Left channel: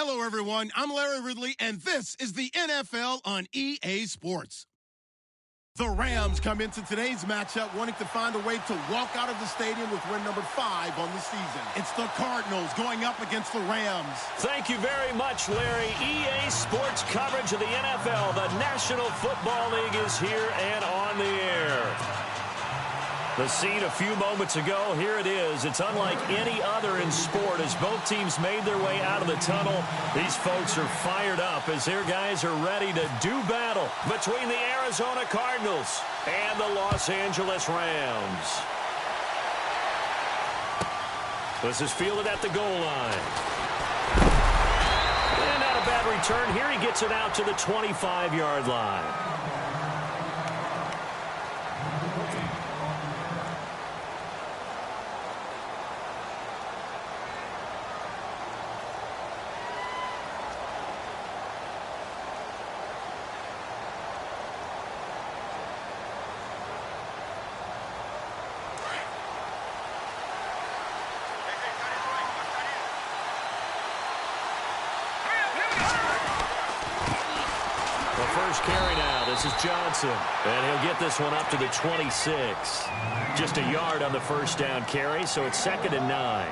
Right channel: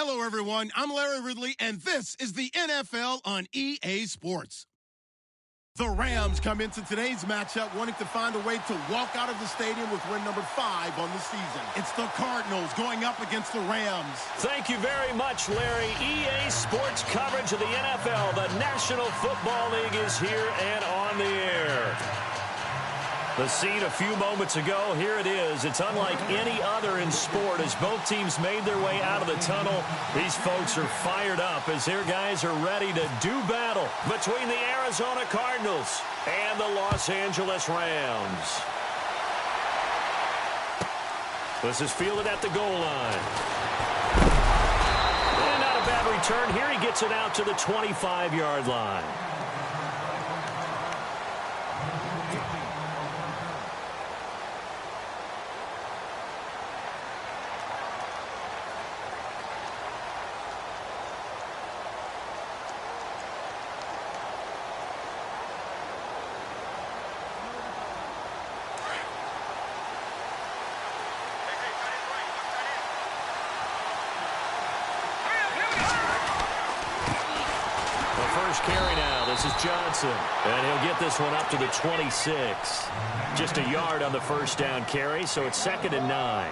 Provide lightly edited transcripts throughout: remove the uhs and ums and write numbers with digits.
Hello, everyone. I'm Larry Ridley, and this is the NFL on EA Sports. The Rams come into today's matchup wanting to find a way to walk out of the stadium with win number 5 on the season. It's the Cardinals going up against the Rams. Thank you very much, Larry. EA Sports coverage of the NFL. The National Football League is here and on the air. The scene a few moments ago, here it is. It's unlike any other in sport as both teams made their way out of the tunnel. These folks are fired up as their guys are ready to do battle between the Arizona Cardinals and the Los Angeles Rams. This is fielded at the goal line. And not a bad return here. He gets it out to the 25-yard line. First carry now. This is Johnson. And he'll get this one up to the 26. Just a yard on the first down carry, so it's 2nd and 9.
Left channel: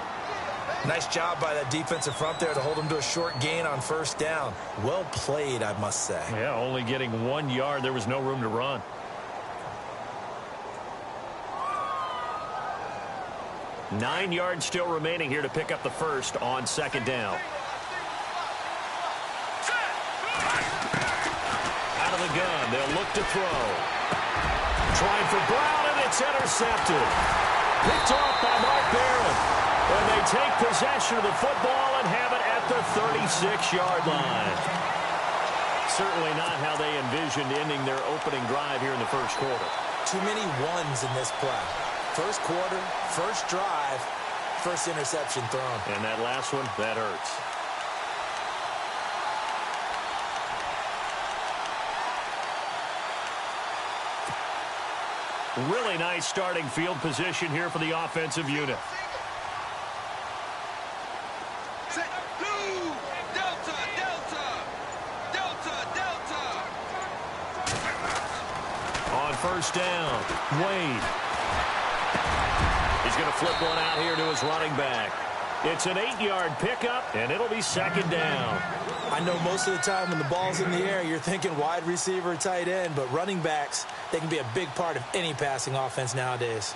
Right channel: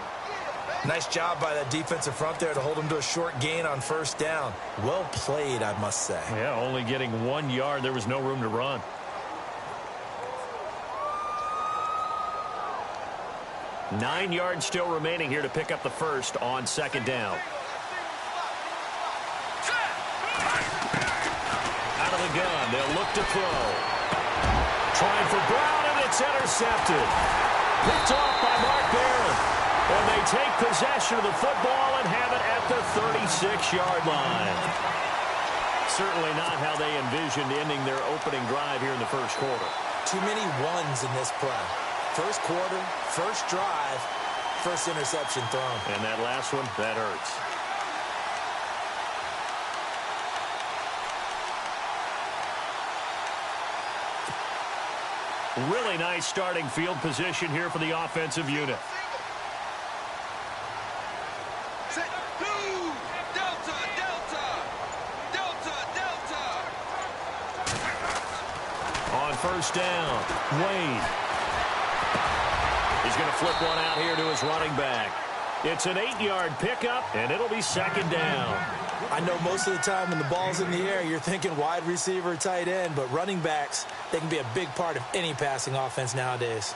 Nice job by that defensive front there to hold him to a short gain on first down. Well played, I must say. Yeah, only getting 1 yard. There was no room to run. Nine yards still remaining here to pick up the first on 2nd down. Out of the gun, they'll look to throw. Trying for Brown, and it's intercepted. Picked off by Mark Barron. And they take possession of the football and have it at the 36-yard line. Certainly not how they envisioned ending their opening drive here in the first quarter. Too many ones in this play. First quarter, first drive, first interception thrown. And that last one, that hurts. Really nice starting field position here for the offensive unit. Set, blue, Delta, Delta, Delta, Delta. On first down, Wade. He's going to flip one out here to his running back. It's an 8-yard pickup, and it'll be 2nd down. I know most of the time when the ball's in the air, you're thinking wide receiver, tight end, but running backs, they can be a big part of any passing offense nowadays.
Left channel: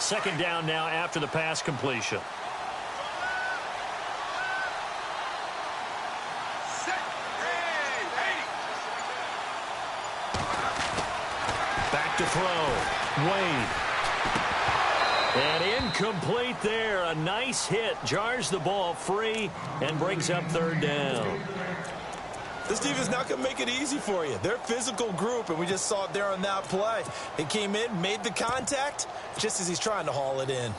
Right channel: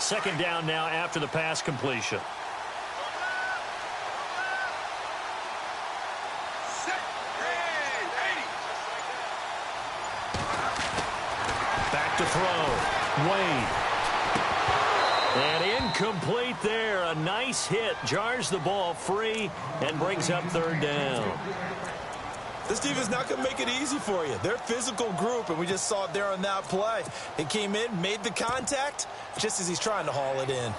2nd down now after the pass completion. Back to throw. Wade. And incomplete there. A nice hit. Jars the ball free and brings up 3rd down. This defense not going to make it easy for you. They're a physical group, and we just saw it there on that play. It came in, made the contact, just as he's trying to haul it in.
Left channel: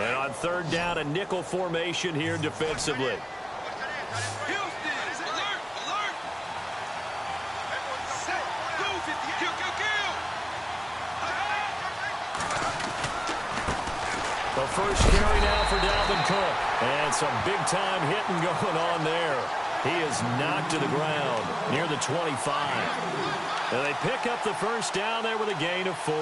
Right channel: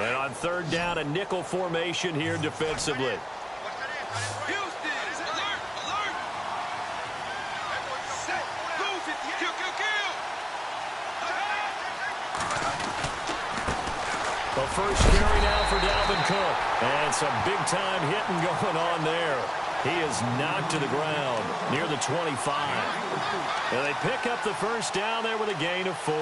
And on 3rd down, a nickel formation here defensively. The first carry now for Dalvin Cook. And some big-time hitting going on there. He is knocked to the ground near the 25. And they pick up the first down there with a gain of 4.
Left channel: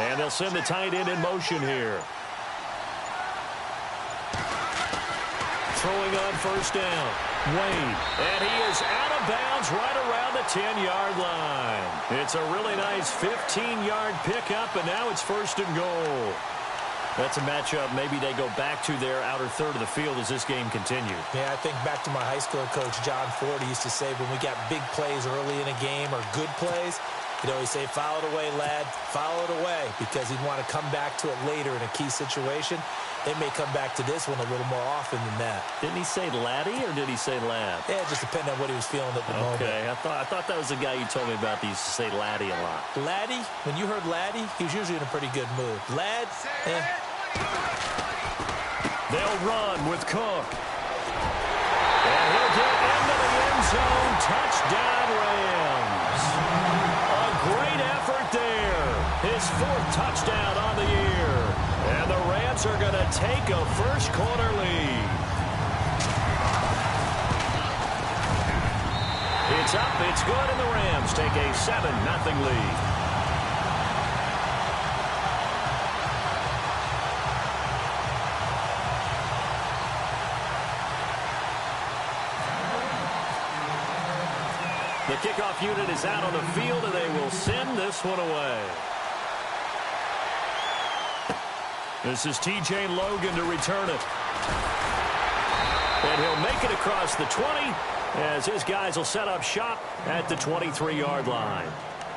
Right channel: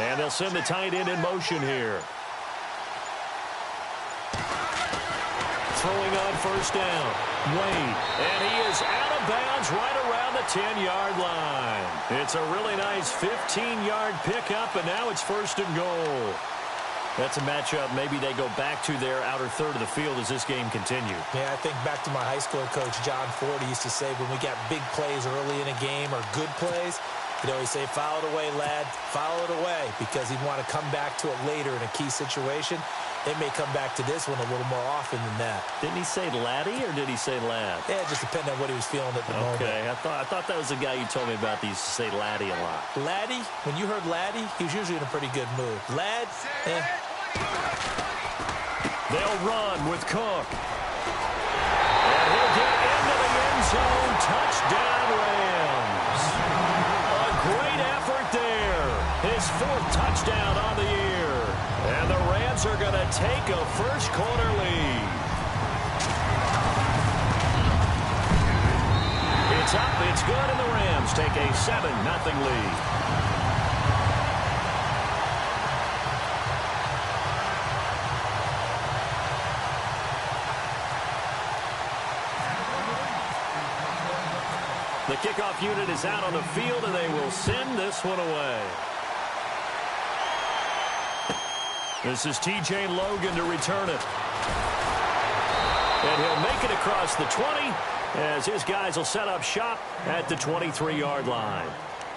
And they'll send the tight end in motion here. Throwing on first down. Wade. And he is out of bounds right around the 10-yard line. It's a really nice 15-yard pickup, and now it's 1st and goal. That's a matchup maybe they go back to their outer third of the field as this game continues. Yeah, I think back to my high school coach, John Ford, used to say when we got big plays early in a game or good plays, he'd always say, foul it away, lad, foul it away, because he'd want to come back to it later in a key situation. They may come back to this one a little more often than that. Didn't he say laddie or did he say lad? Yeah, it just depended on what he was feeling at the moment. Okay, I thought that was the guy you told me about that used to say laddie a lot. Laddie, when you heard laddie, he was usually in a pretty good mood. Lad, They'll run with Cook. And he'll get into the end zone. Touchdown, Rams. A great effort there. His 4th touchdown on the year. And the Rams are going to take a first-quarter lead. It's up, it's good, and the Rams take a 7-0 lead. The kickoff unit is out on the field, and they will send this one away. This is T.J. Logan to return it. And he'll make it across the 20 as his guys will set up shop at the 23-yard line.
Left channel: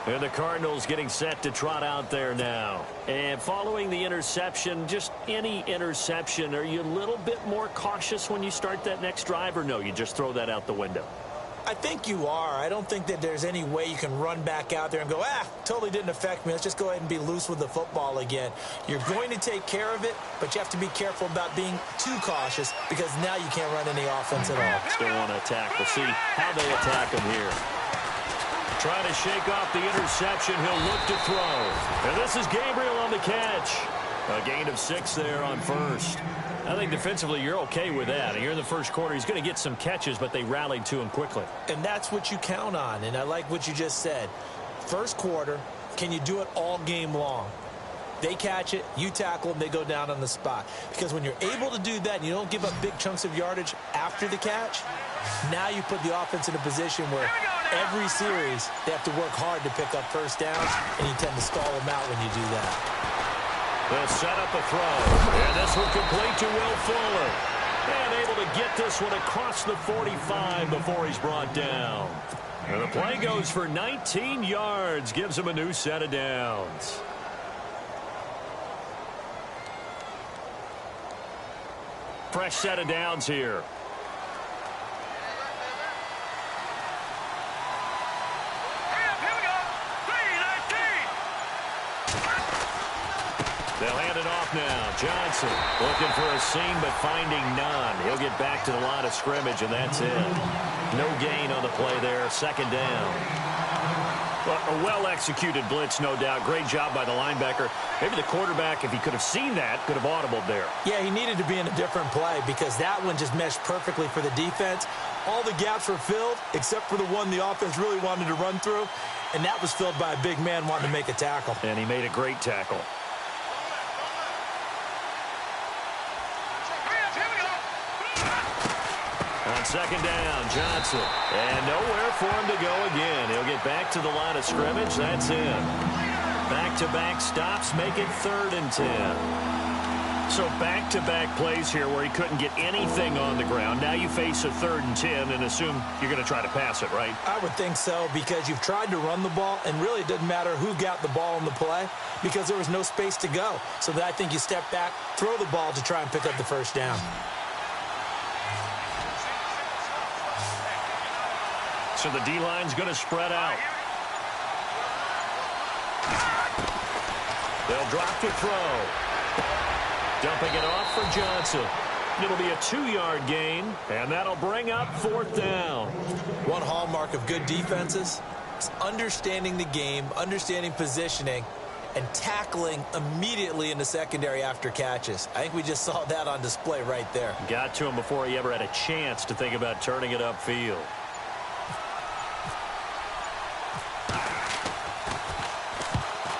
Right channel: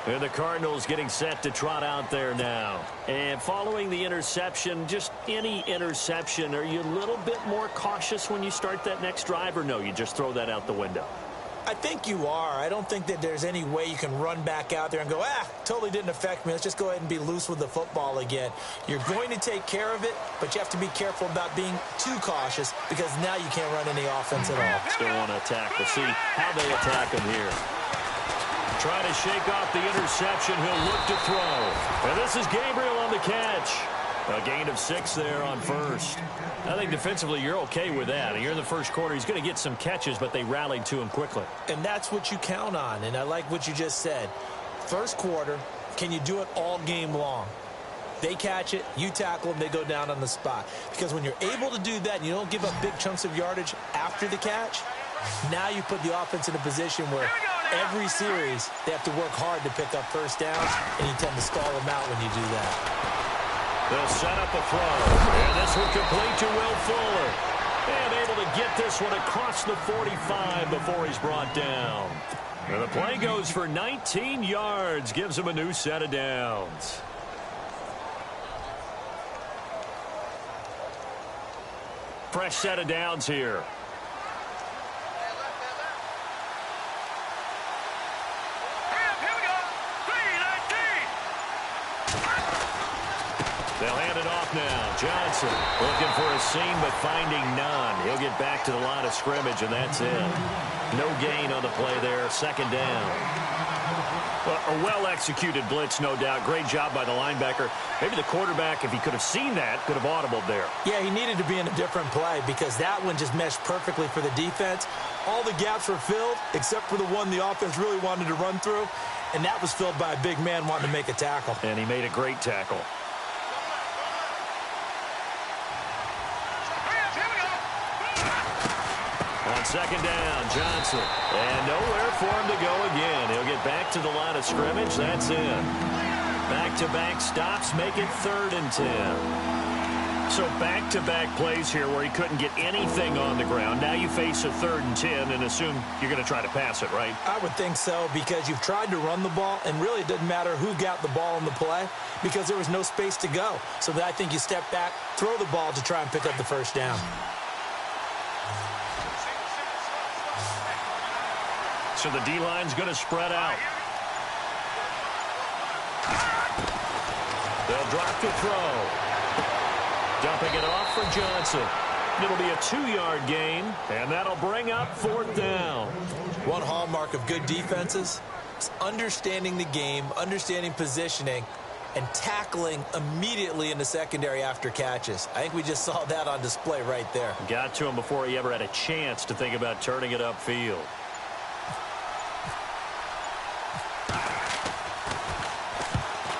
And the Cardinals getting set to trot out there now. And following the interception, just any interception, are you a little bit more cautious when you start that next drive, or no, you just throw that out the window? I think you are. I don't think that there's any way you can run back out there and go, totally didn't affect me. Let's just go ahead and be loose with the football again. You're going to take care of it, but you have to be careful about being too cautious because now you can't run any offense at all. Still want to attack. We'll see how they attack him here. Trying to shake off the interception. He'll look to throw. And this is Gabriel on the catch. A gain of 6 there on first. I think defensively you're okay with that. You're in the first quarter. He's going to get some catches, but they rallied to him quickly. And that's what you count on, and I like what you just said. First quarter, can you do it all game long? They catch it, you tackle them, they go down on the spot. Because when you're able to do that and you don't give up big chunks of yardage after the catch, now you put the offense in a position where every series they have to work hard to pick up first downs, and you tend to stall them out when you do that. They'll set up a throw, and this one complete to Will Fuller. And able to get this one across the 45 before he's brought down. And the play goes for 19 yards, gives him a new set of downs. Fresh set of downs here. They'll hand it off now. Johnson looking for a seam, but finding none. He'll get back to the line of scrimmage, and that's it. No gain on the play there. Second down. Well, a well-executed blitz, no doubt. Great job by the linebacker. Maybe the quarterback, if he could have seen that, could have audibled there. Yeah, he needed to be in a different play because that one just meshed perfectly for the defense. All the gaps were filled except for the one the offense really wanted to run through, and that was filled by a big man wanting to make a tackle. And he made a great tackle. On second down, Johnson. And nowhere for him to go again. He'll get back to the line of scrimmage. That's it. Back-to-back stops make it 3rd and 10. So back-to-back plays here where he couldn't get anything on the ground. Now you face a 3rd and 10 and assume you're going to try to pass it, right? I would think so because you've tried to run the ball, and really it doesn't matter who got the ball in the play because there was no space to go. So I think you step back, throw the ball to try and pick up the first down. So the D-line's going to spread out. They'll drop to throw. Dumping it off for Johnson. It'll be a 2-yard gain, and that'll bring up 4th down. One hallmark of good defenses is understanding the game, understanding positioning, and tackling immediately in the secondary after catches. I think we just saw that on display right there. Got to him before he ever had a chance to think about turning it upfield.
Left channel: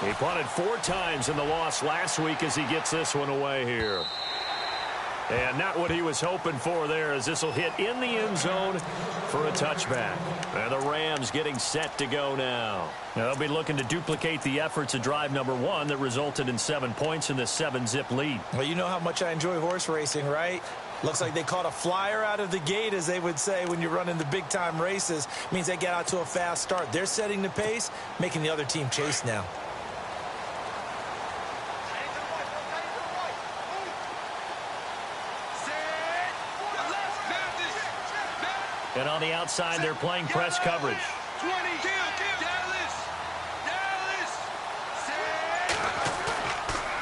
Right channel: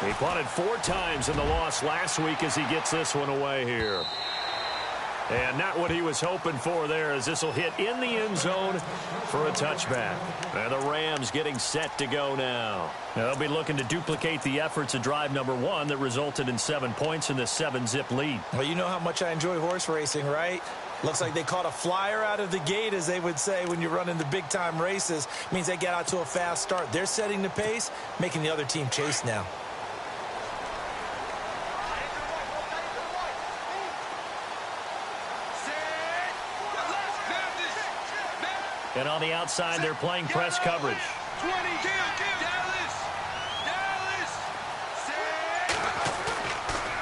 He punted 4 times in the loss last week as he gets this one away here. And not what he was hoping for there as this will hit in the end zone for a touchback. And the Rams getting set to go now. They'll be looking to duplicate the efforts of drive number 1 that resulted in 7 points in this 7-zip lead. Well, you know how much I enjoy horse racing, right? Looks like they caught a flyer out of the gate, as they would say when you're running the big-time races. Means they get out to a fast start. They're setting the pace, making the other team chase now. And on the outside, they're playing press coverage. 20. Dallas.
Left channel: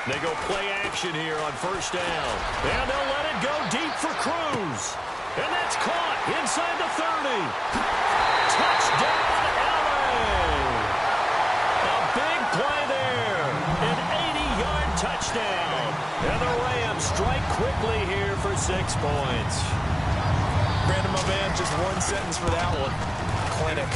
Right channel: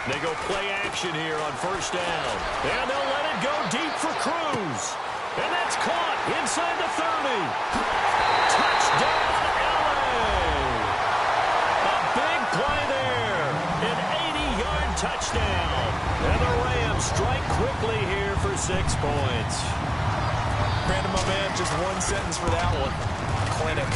They go play action here on first down. And they'll let it go deep for Cruz. And that's caught inside the 30. Touchdown, LA. A big play there. An 80-yard touchdown. And the Rams strike quickly here for 6 points. Brandon, my man, just one sentence for that one. Clinic.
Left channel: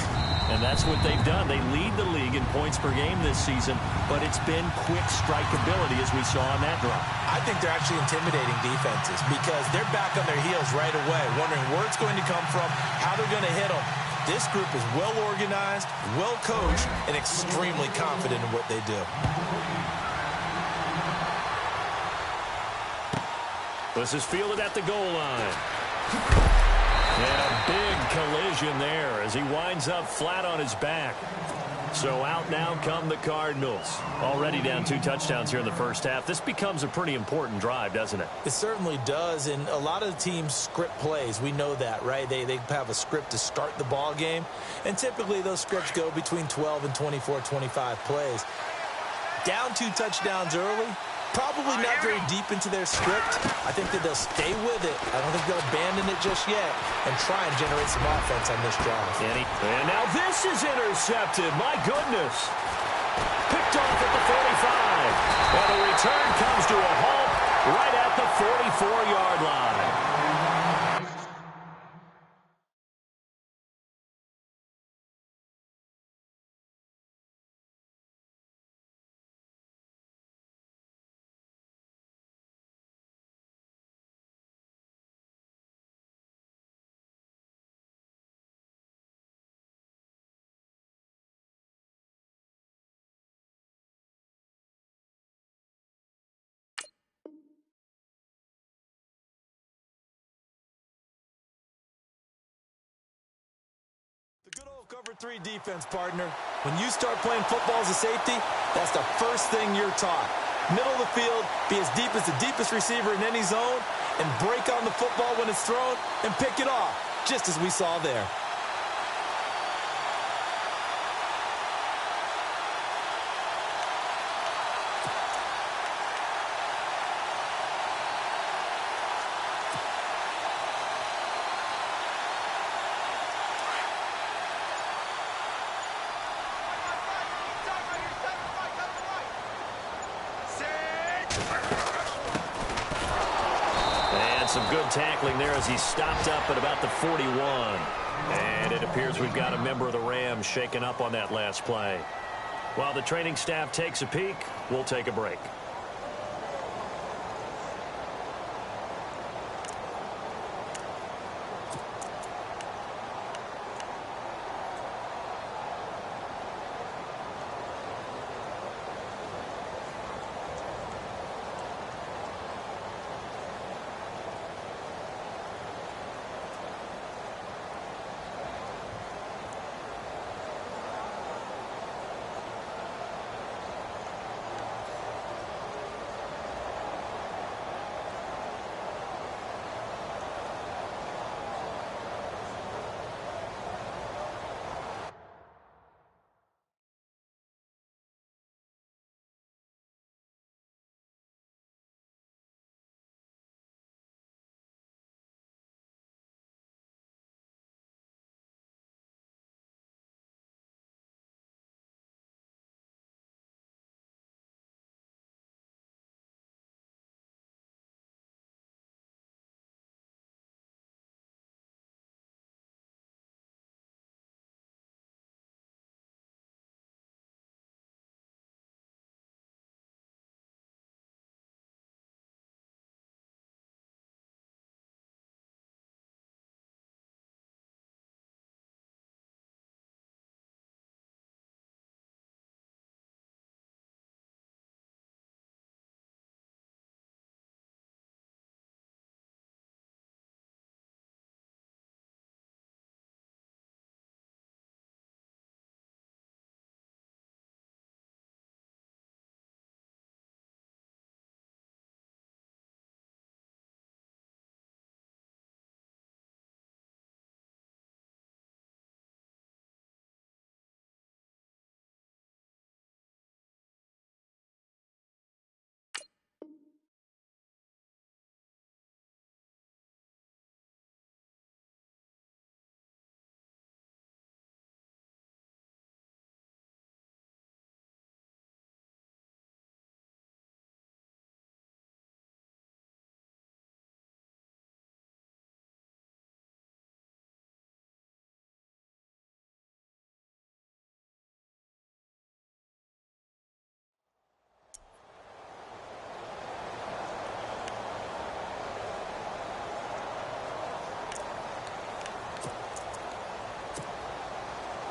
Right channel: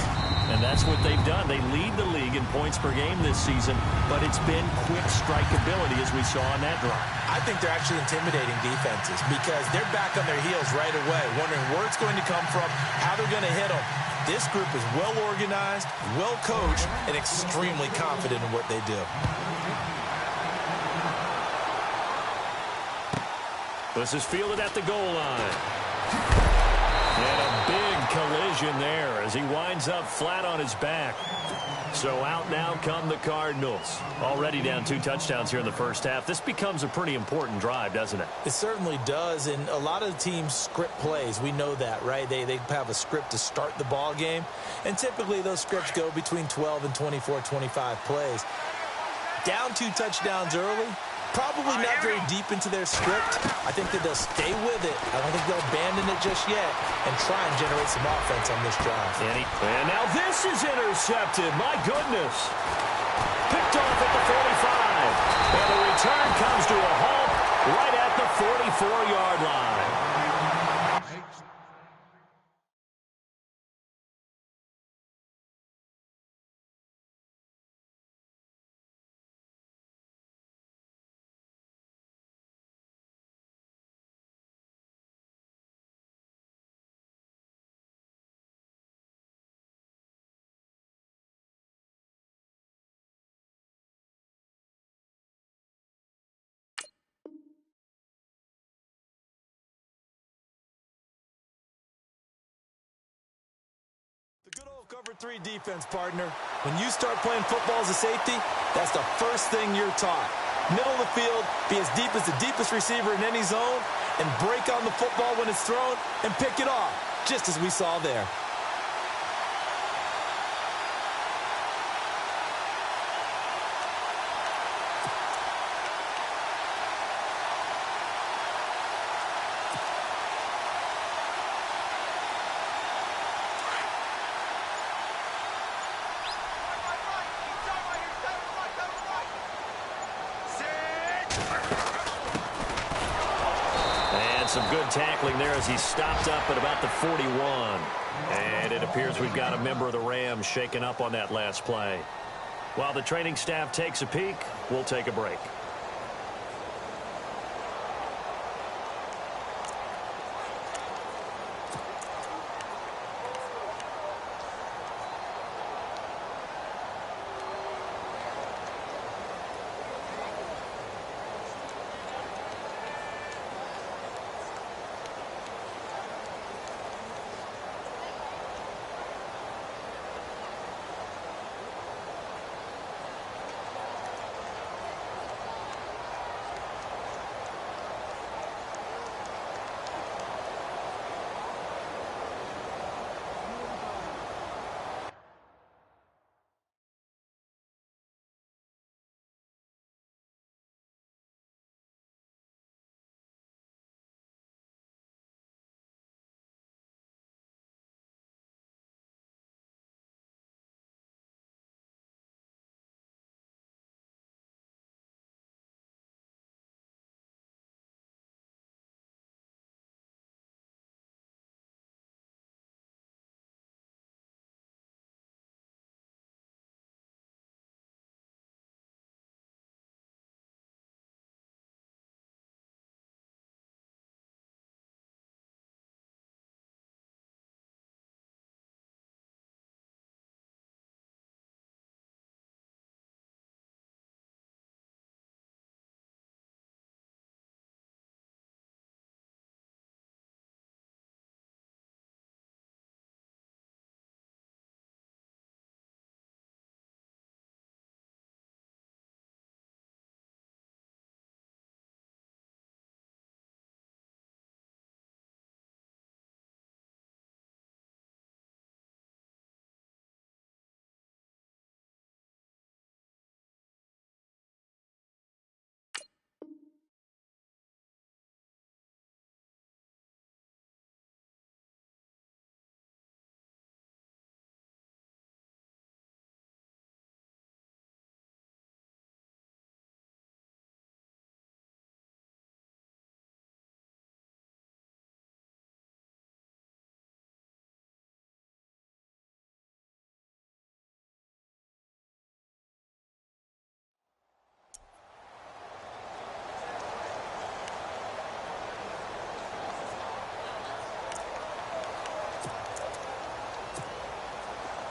And that's what they've done. They lead the league in points per game this season, but it's been quick strikeability as we saw on that drive. I think they're actually intimidating defenses because they're back on their heels right away, wondering where it's going to come from, how they're going to hit them. This group is well organized, well coached, and extremely confident in what they do. This is fielded at the goal line. And a big collision there as he winds up flat on his back. So out now come the Cardinals. Already down 2 touchdowns here in the first half. This becomes a pretty important drive, doesn't it? It certainly does, and a lot of teams script plays. We know that, right? They have a script to start the ball game, and typically those scripts go between 12 and 24, 25 plays. Down 2 touchdowns early. Probably not very deep into their script. I think that they'll stay with it. I don't think they'll abandon it just yet and try and generate some offense on this drive. And now this is intercepted. My goodness. Picked off at the 45. And the return comes to a halt right at the 44-yard line. The good old cover 3 defense, partner. When you start playing football as a safety, that's the first thing you're taught. Middle of the field, be as deep as the deepest receiver in any zone, and break on the football when it's thrown and pick it off, just as we saw there. And some good tackling there as he stopped up at about the 41. And it appears we've got a member of the Rams shaken up on that last play. While the training staff takes a peek, we'll take a break.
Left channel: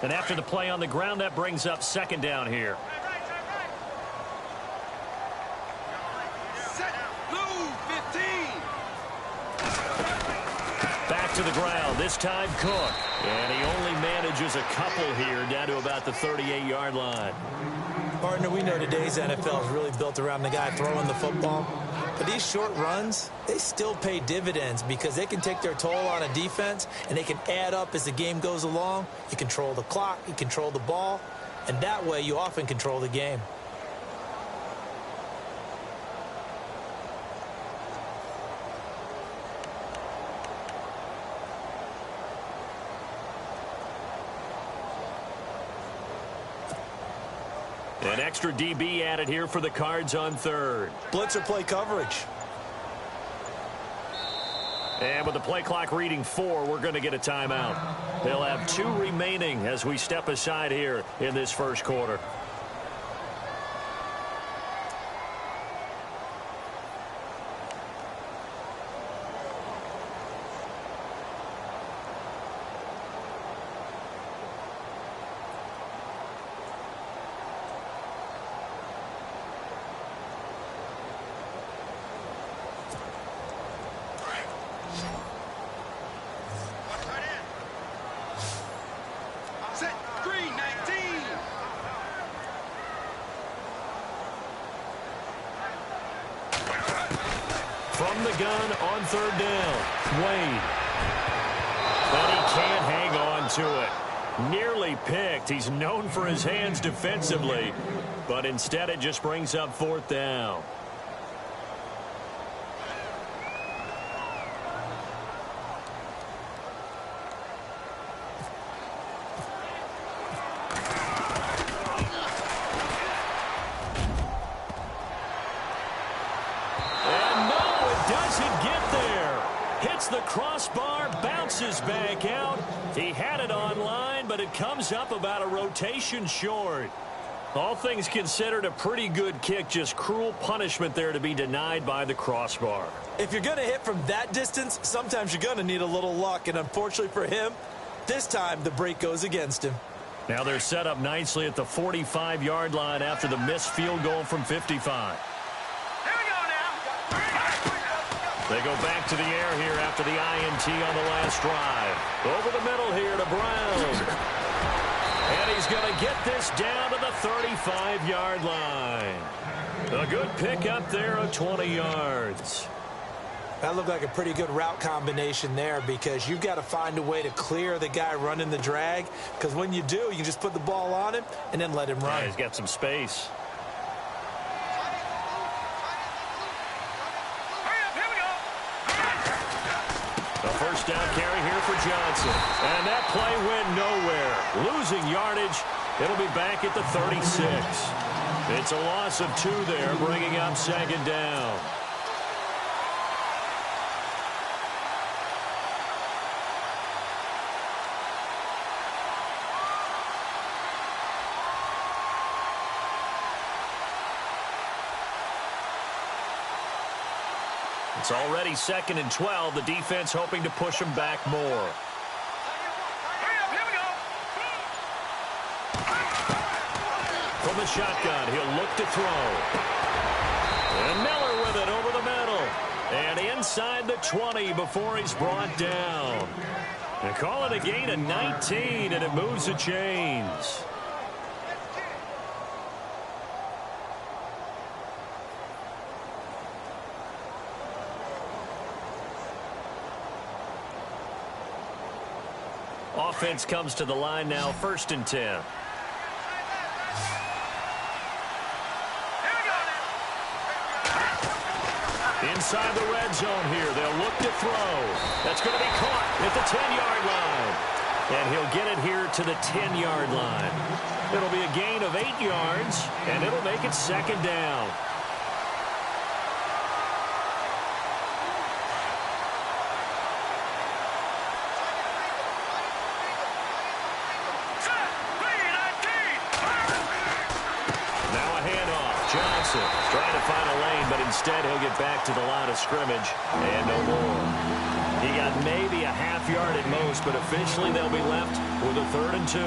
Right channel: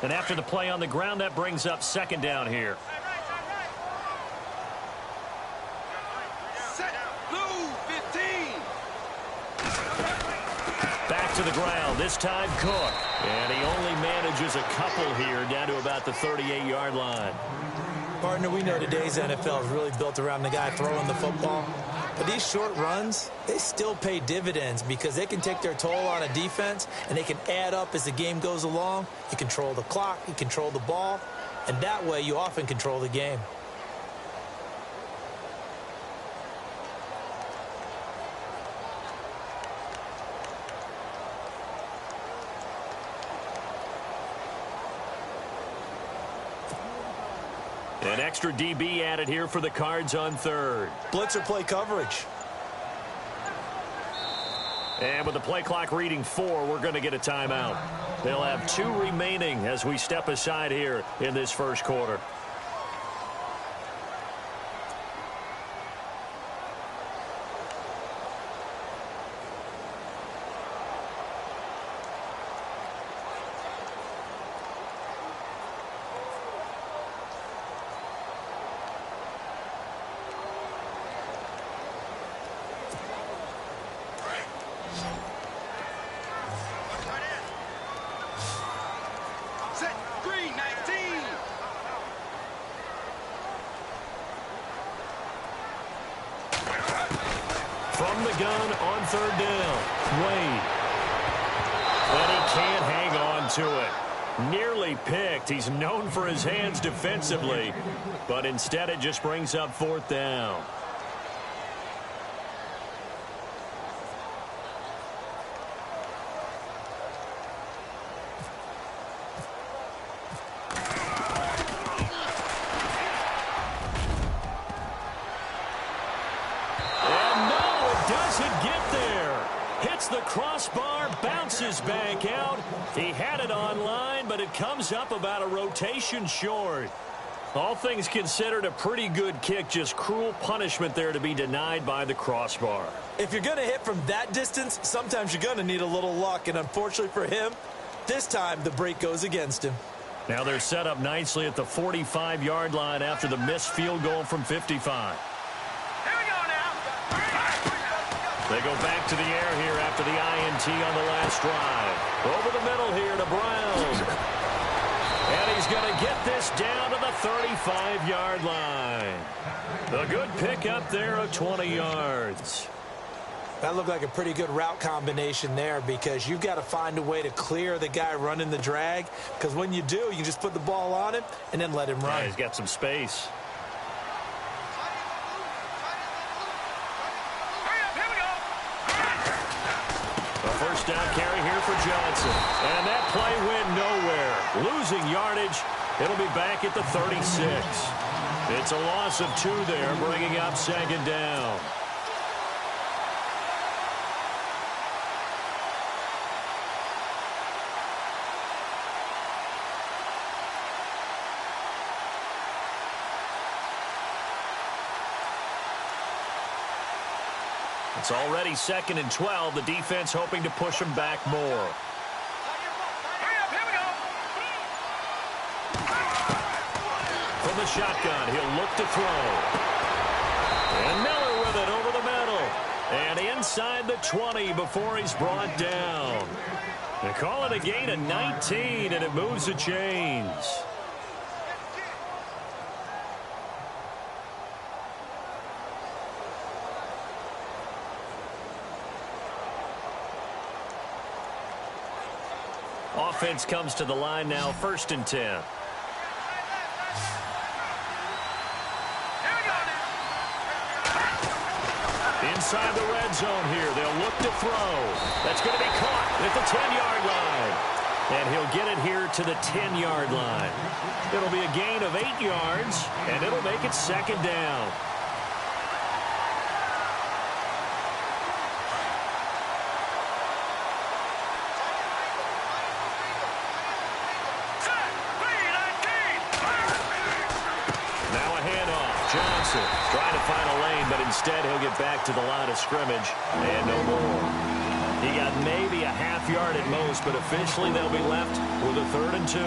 And after the play on the ground, that brings up second down here. Set. Blue 15. Back to the ground, this time Cook. And he only manages a couple here down to about the 38-yard line. Partner, we know today's NFL is really built around the guy throwing the football. But these short runs, they still pay dividends because they can take their toll on a defense and they can add up as the game goes along. You control the clock, you control the ball, and that way you often control the game. An extra DB added here for the Cards on third. Blitzer play coverage. And with the play clock reading 4, we're going to get a timeout. They'll have 2 remaining as we step aside here in this first quarter. Set. Green 19. From the gun on third down, Wade. But he can't hang on to it. Nearly picked. He's known for his hands defensively, but instead it just brings up fourth down. Doesn't get there. Hits the crossbar, bounces back out. He had it online, but it comes up about a rotation short. All things considered, a pretty good kick. Just cruel punishment there to be denied by the crossbar. If you're going to hit from that distance, sometimes you're going to need a little luck. And unfortunately for him, this time the break goes against him. Now they're set up nicely at the 45-yard line after the missed field goal from 55. They go back to the air here after the INT on the last drive. Over the middle here to Brown. And he's going to get this down to the 35-yard line. A good pickup there of 20 yards. That looked like a pretty good route combination there because you've got to find a way to clear the guy running the drag. Because when you do, you can just put the ball on him and then let him run. Yeah, he's got some space. First down carry here for Johnson. And that play went nowhere. Losing yardage. It'll be back at the 36. It's a loss of 2 there, bringing up second down. It's already 2nd and 12. The defense hoping to push them back more. From the shotgun, he'll look to throw. And Miller with it over the middle. And inside the 20 before he's brought down. They call it a gain of 19, and it moves the chains. Offense comes to the line now, 1st and 10. Inside the red zone here, they'll look to throw. That's going to be caught at the 10-yard line. And he'll get it here to the 10-yard line. It'll be a gain of 8 yards, and it'll make it 2nd down. Johnson trying to find a lane, but instead he'll get back to the line of scrimmage and no more. He got maybe a half yard at most, but officially they'll be left with a 3rd and 2.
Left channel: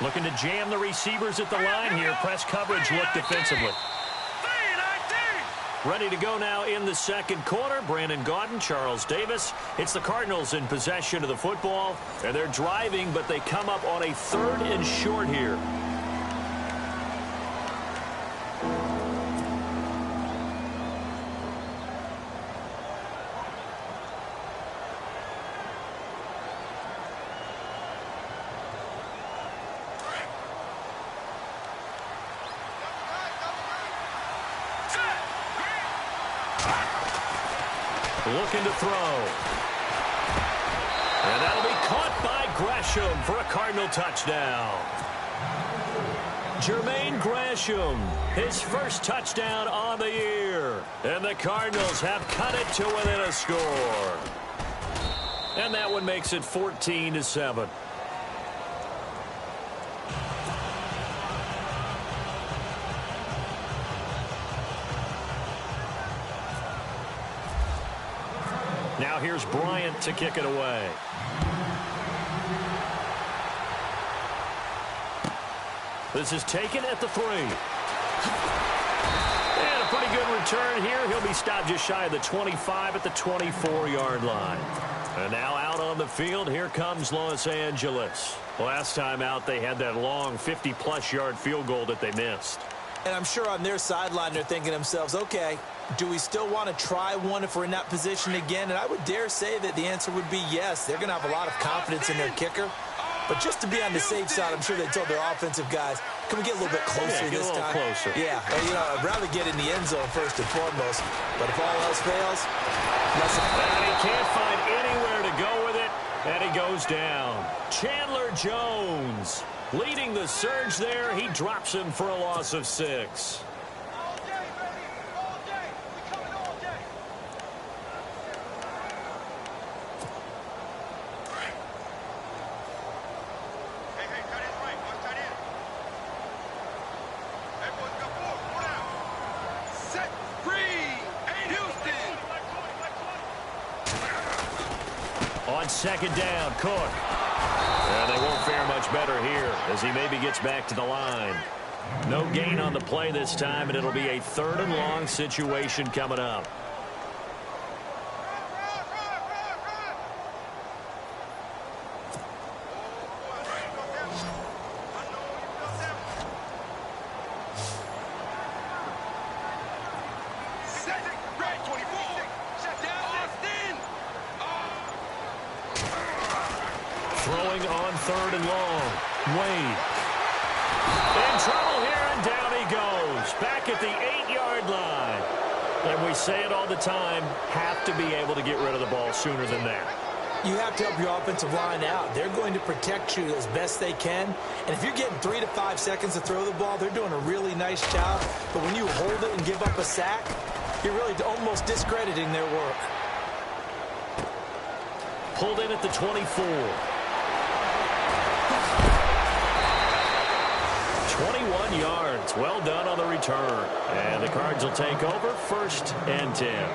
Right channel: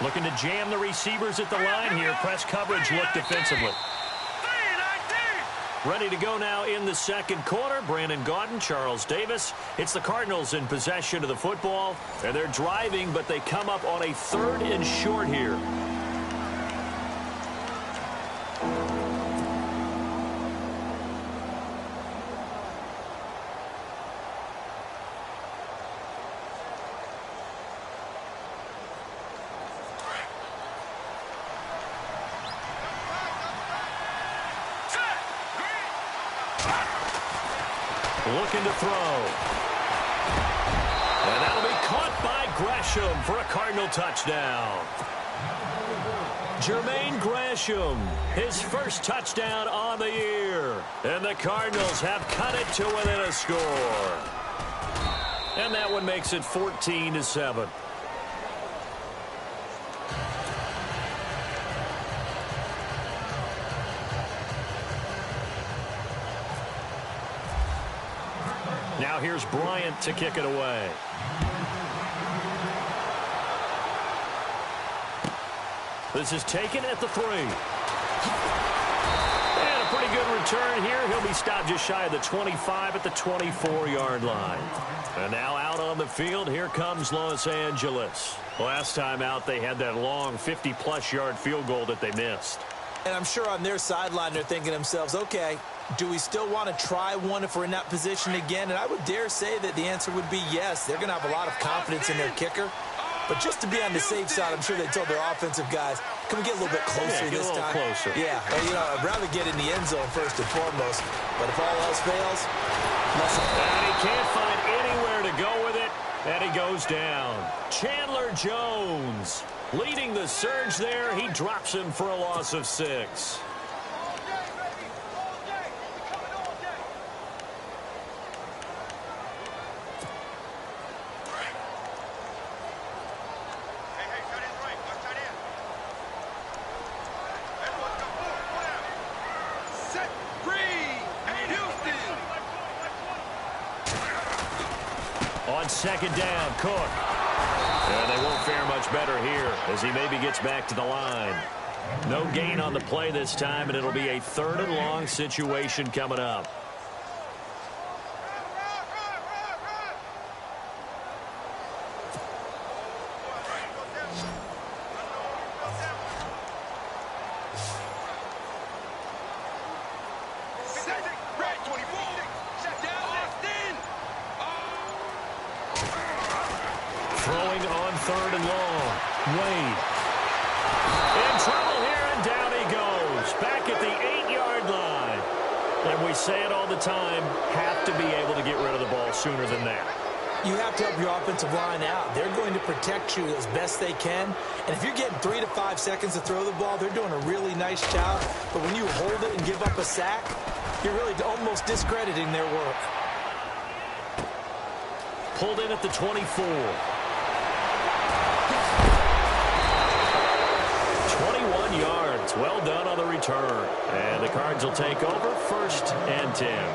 Looking to jam the receivers at the line here. Press coverage look defensively. Ready to go now in the second quarter. Brandon Gaudin, Charles Davis. It's the Cardinals in possession of the football. And they're driving, but they come up on a 3rd and short here. Looking to throw. And that'll be caught by Gresham for a Cardinal touchdown. Jermaine Gresham, his first touchdown on the year. And the Cardinals have cut it to within a score. And that one makes it 14-7. Now here's Bryant to kick it away. This is taken at the 3. And a pretty good return here. He'll be stopped just shy of the 25 at the 24-yard line. And now out on the field, here comes Los Angeles. Last time out, they had that long 50-plus yard field goal that they missed. And I'm sure on their sideline, they're thinking to themselves, okay, do we still want to try one if we're in that position again? And I would dare say that the answer would be yes. They're going to have a lot of confidence in their kicker. But just to be on the safe side, I'm sure they told their offensive guys, can we get a little bit closer this time? Closer. Yeah, you know, I'd rather get in the end zone first and foremost. But if all else fails, and he can't find anywhere to go with it, and he goes down. Chandler Jones leading the surge there. He drops him for a loss of 6. On second down, Cook. And they won't fare much better here as he maybe gets back to the line. No gain on the play this time, and it'll be a 3rd and long situation coming up. Throwing on 3rd and long. Wade. In trouble here, and down he goes. Back at the 8-yard line. And we say it all the time, have to be able to get rid of the ball sooner than that. You have to help your offensive line out. They're going to protect you as best they can. And if you're getting 3 to 5 seconds to throw the ball, they're doing a really nice job. But when you hold it and give up a sack, you're really almost discrediting their work. Pulled in at the 24. 21 yards. Well done on the return. And the Cards will take over 1st and 10.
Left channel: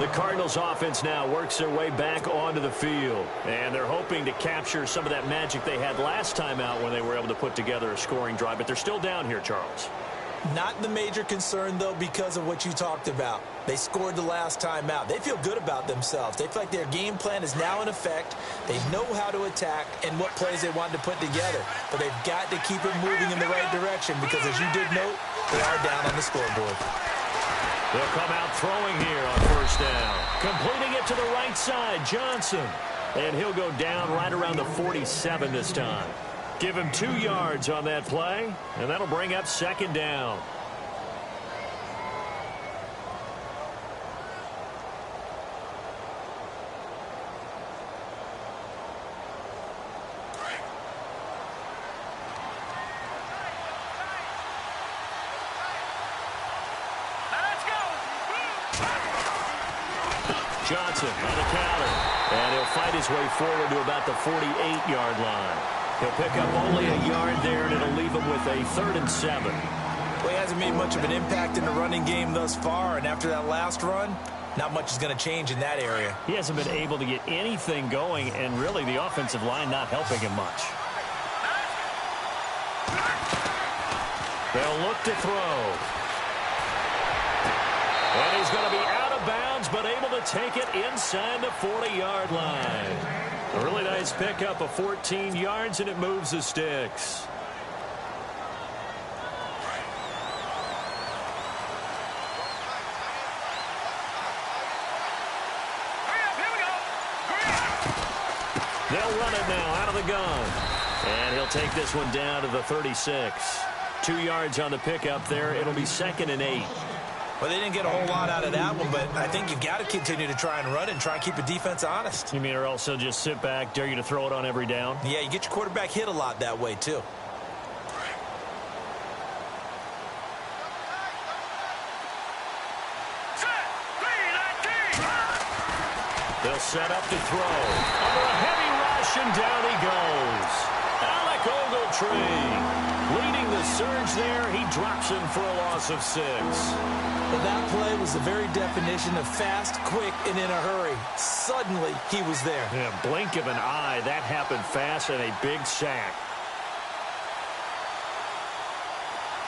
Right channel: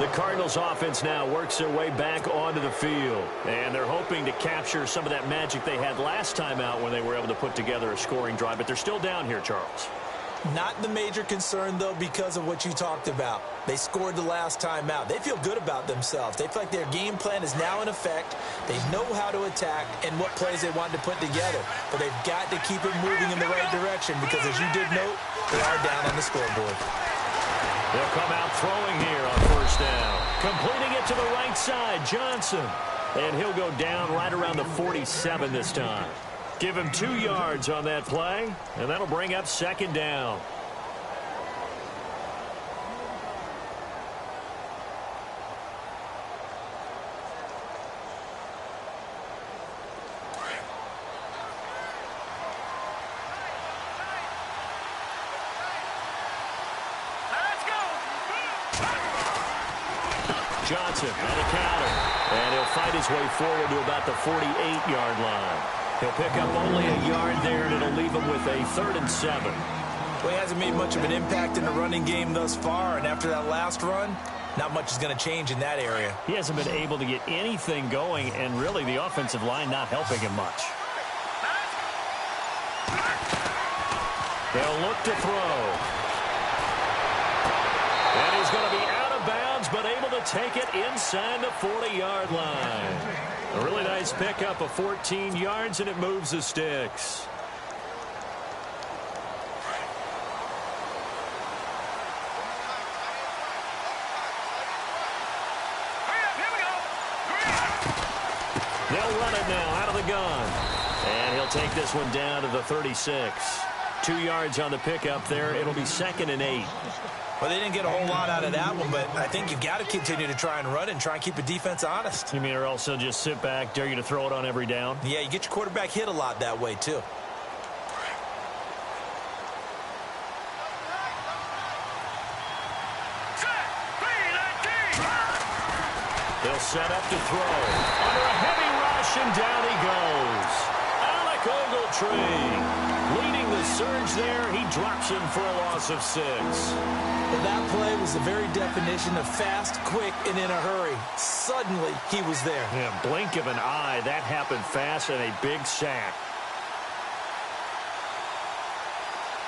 The Cardinals offense now works their way back onto the field. And they're hoping to capture some of that magic they had last time out when they were able to put together a scoring drive. But they're still down here, Charles. Not the major concern, though, because of what you talked about. They scored the last time out. They feel good about themselves. They feel like their game plan is now in effect. They know how to attack and what plays they want to put together. But they've got to keep it moving in the right direction because, as you did note, they are down on the scoreboard. They'll come out throwing here on 1st down. Completing it to the right side, Johnson. And he'll go down right around the 47 this time. Give him 2 yards on that play, and that'll bring up 2nd down. Johnson on the counter, and he'll fight his way forward to about the 48-yard line. He'll pick up only a yard there, and it'll leave him with a 3rd and 7. Well, he hasn't made much of an impact in the running game thus far, and after that last run, not much is going to change in that area. He hasn't been able to get anything going, and really the offensive line not helping him much. They'll look to throw. And he's going to be out of bounds, but able to take it inside the 40-yard line. A really nice pickup of 14 yards, and it moves the sticks. They'll run it now out of the gun. And he'll take this one down to the 36. 2 yards on the pickup there. It'll be 2nd and 8. Well, they didn't get a whole lot out of that one, but I think you've got to continue to try and run and try and keep the defense honest. You mean or else they'll just sit back, dare you to throw it on every down? Yeah, you get your quarterback hit a lot that way, too. They'll set up to throw. Under a heavy rush, and down he goes. Alec Ogletree leading the surge there. He drops him for a loss of 6. Well, that play was the very definition of fast, quick, and in a hurry. Suddenly, he was there. Yeah, blink of an eye. That happened fast, and a big sack.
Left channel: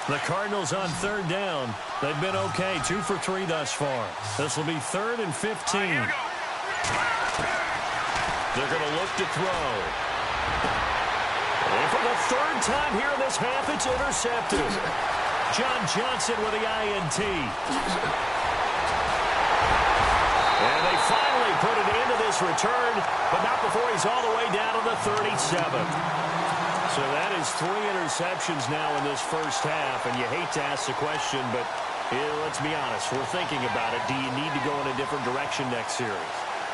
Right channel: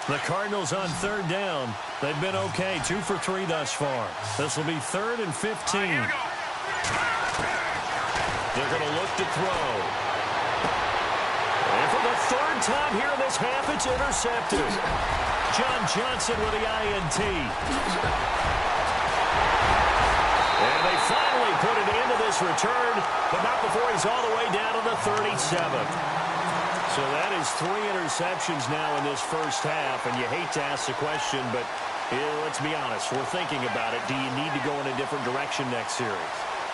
The Cardinals on 3rd down. They've been okay, 2 for 3 thus far. This will be 3rd and 15. They're going to look to throw. And for the 3rd time here in this half, it's intercepted. John Johnson with the INT. And they finally put an end to this return, but not before he's all the way down to the 37th. So that is 3 interceptions now in this first half, and you hate to ask the question, but let's be honest, we're thinking about it. Do you need to go in a different direction next series?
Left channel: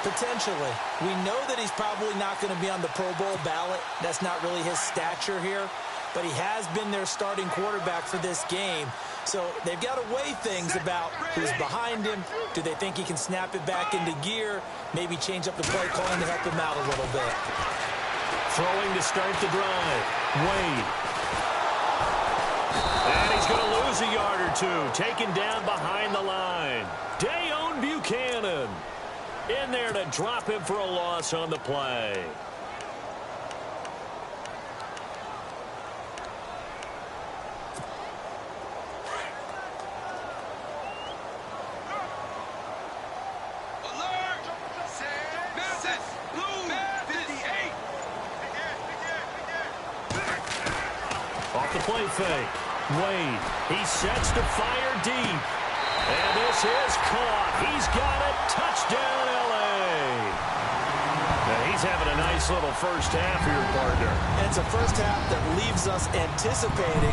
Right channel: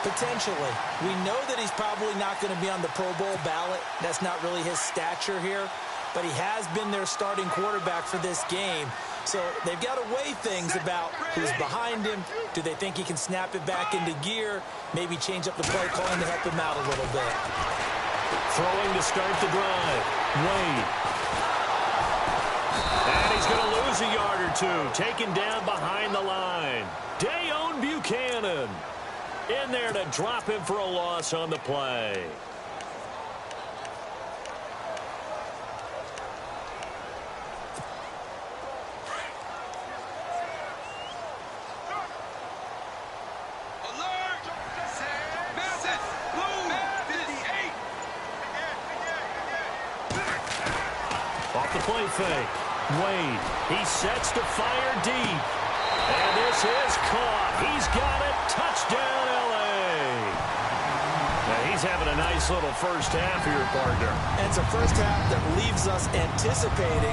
Potentially. We know that he's probably not going to be on the Pro Bowl ballot. That's not really his stature here. But he has been their starting quarterback for this game. So they've got to weigh things about who's behind him. Do they think he can snap it back into gear? Maybe change up the play calling to help him out a little bit. Throwing to start the drive. Wade. And he's going to lose a yard or 2. Taken down behind the line. Dayon Buchanan in there to drop him for a loss on the play. Alert! Masses! Blue! 58! Off the play fake. Wade. He sets to fire deep. And this is caught. He's got it. Touchdown, L.A. Now, he's having a nice little first half here, partner. And it's a first half that leaves us anticipating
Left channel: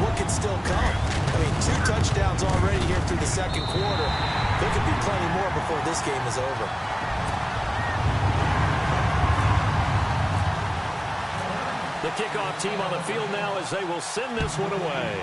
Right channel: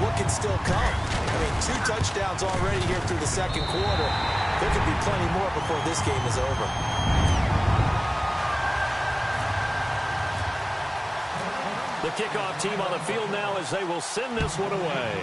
what can still come. I mean, 2 touchdowns already here through the second quarter. There could be plenty more before this game is over. The kickoff team on the field now as they will send this one away.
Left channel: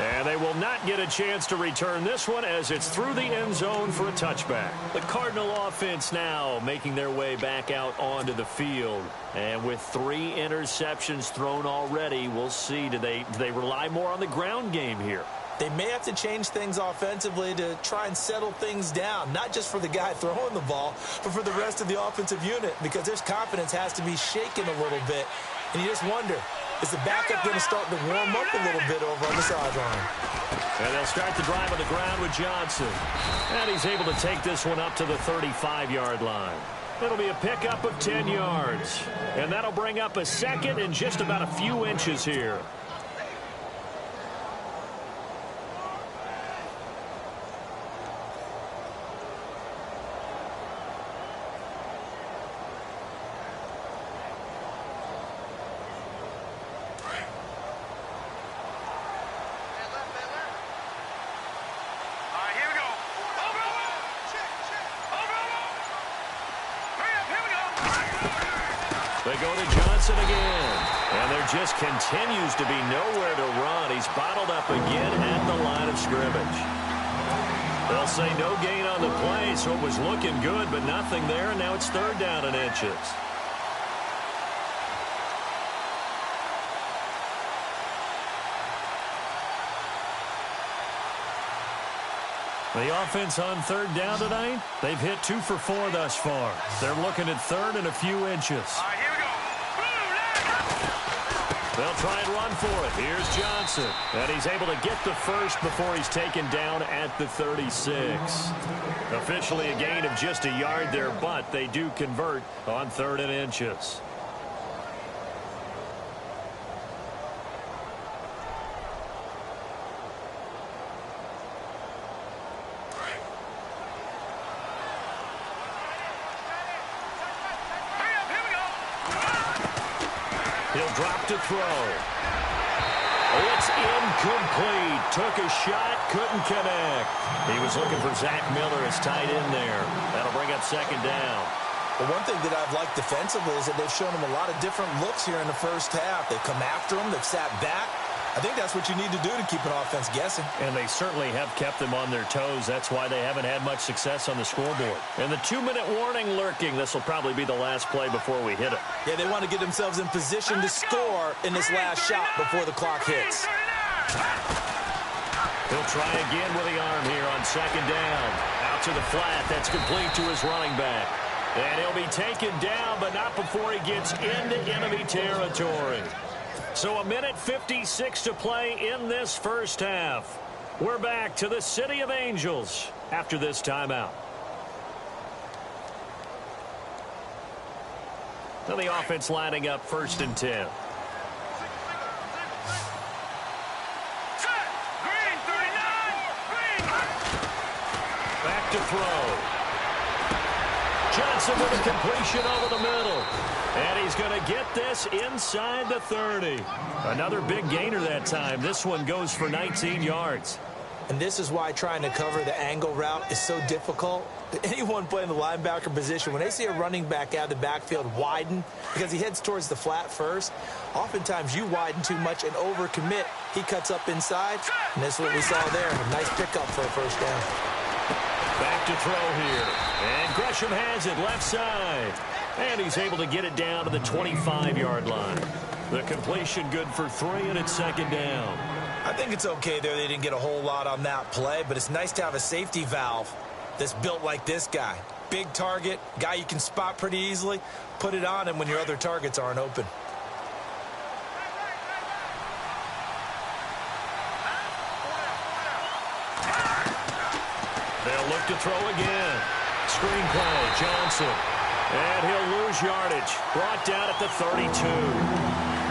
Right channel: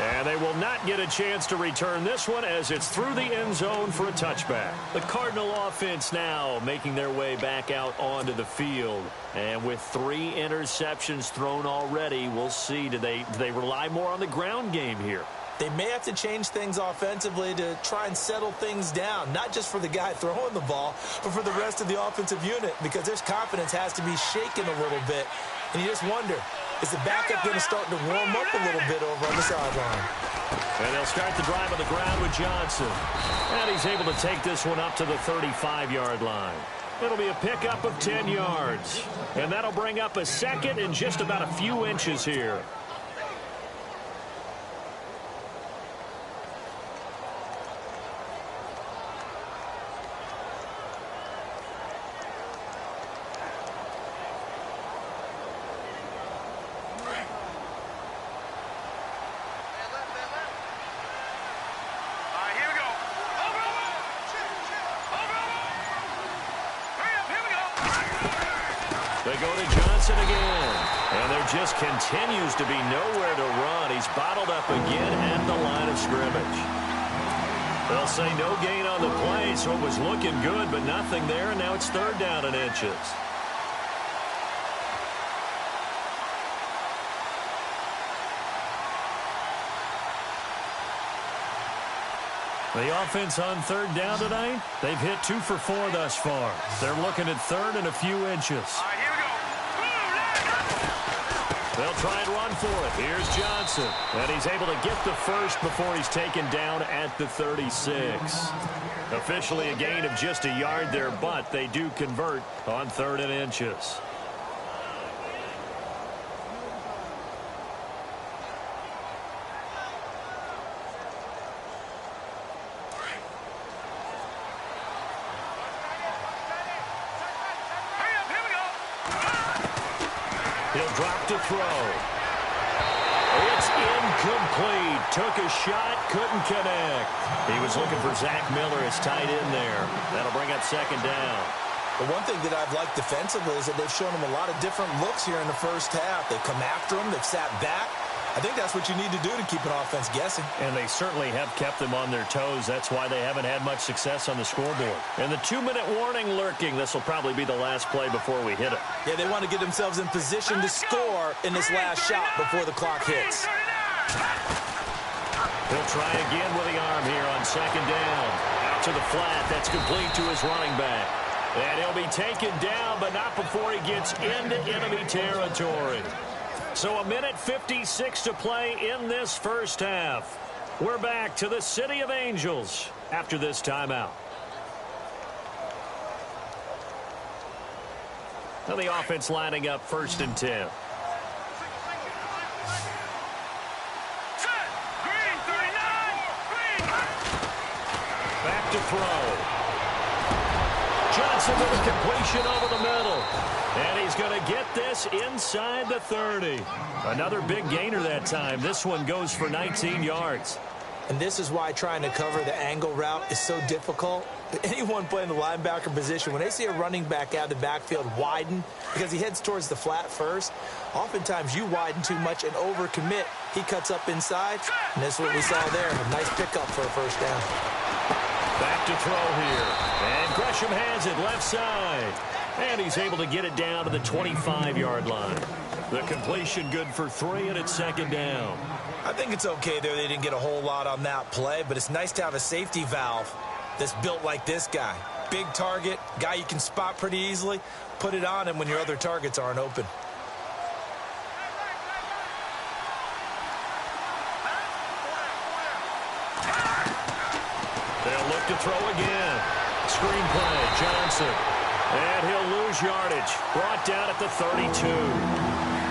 And they will not get a chance to return this one as it's through the end zone for a touchback. The Cardinal offense now making their way back out onto the field. And with 3 interceptions thrown already, we'll see. Do they rely more on the ground game here? They may have to change things offensively to try and settle things down, not just for the guy throwing the ball, but for the rest of the offensive unit, because their confidence has to be shaken a little bit. And you just wonder, is the backup going to start to warm up a little bit over on the sideline? And they'll start the drive on the ground with Johnson. And he's able to take this one up to the 35-yard line. It'll be a pickup of 10 yards. And that'll bring up a 2nd and just about a few inches here. They go to Johnson again. And there just continues to be nowhere to run. He's bottled up again at the line of scrimmage. They'll say no gain on the play, so it was looking good, but nothing there, and now it's 3rd down and inches. The offense on 3rd down tonight, they've hit 2 for 4 thus far. They're looking at 3rd and a few inches. All right, here we go. They'll try and run for it. Here's Johnson. And he's able to get the first before he's taken down at the 36. Officially a gain of just a yard there, but they do convert on 3rd and inches. He'll drop to throw. It's incomplete. Took a shot, couldn't connect. He was looking for Zach Miller as tight end there. That'll bring up 2nd down. But one thing that I've liked defensively is that they've shown him a lot of different looks here in the first half. They've come after him. They've sat back. I think that's what you need to do to keep an offense guessing. And they certainly have kept them on their toes. That's why they haven't had much success on the scoreboard. And the 2-minute warning lurking. This will probably be the last play before we hit it. Yeah, they want to get themselves in position to score in this last shot before the clock hits. He'll try again with the arm here on 2nd down. Out to the flat. That's complete to his running back. And he'll be taken down, but not before he gets into enemy territory. So 1:56 to play in this first half. We're back to the City of Angels after this timeout. Now the offense lining up 1st and 10. Back to throw. Johnson with a completion over the middle. And he's going to get this inside the 30. Another big gainer that time. This one goes for 19 yards. And this is why trying to cover the angle route is so difficult. Anyone playing the linebacker position, when they see a running back out of the backfield widen because he heads towards the flat first, oftentimes you widen too much and overcommit. He cuts up inside, and this is what we saw there. A nice pickup for a first down. Back to throw here. And Gresham has it left side. And he's able to get it down to the 25-yard line. The completion good for 3, and it's 2nd down. I think it's okay there. They didn't get a whole lot on that play, but it's nice to have a safety valve that's built like this guy. Big target, guy you can spot pretty easily. Put it on him when your other targets aren't open. They'll look to throw again. Screenplay, Johnson. And he'll lose yardage. Brought down at the 32.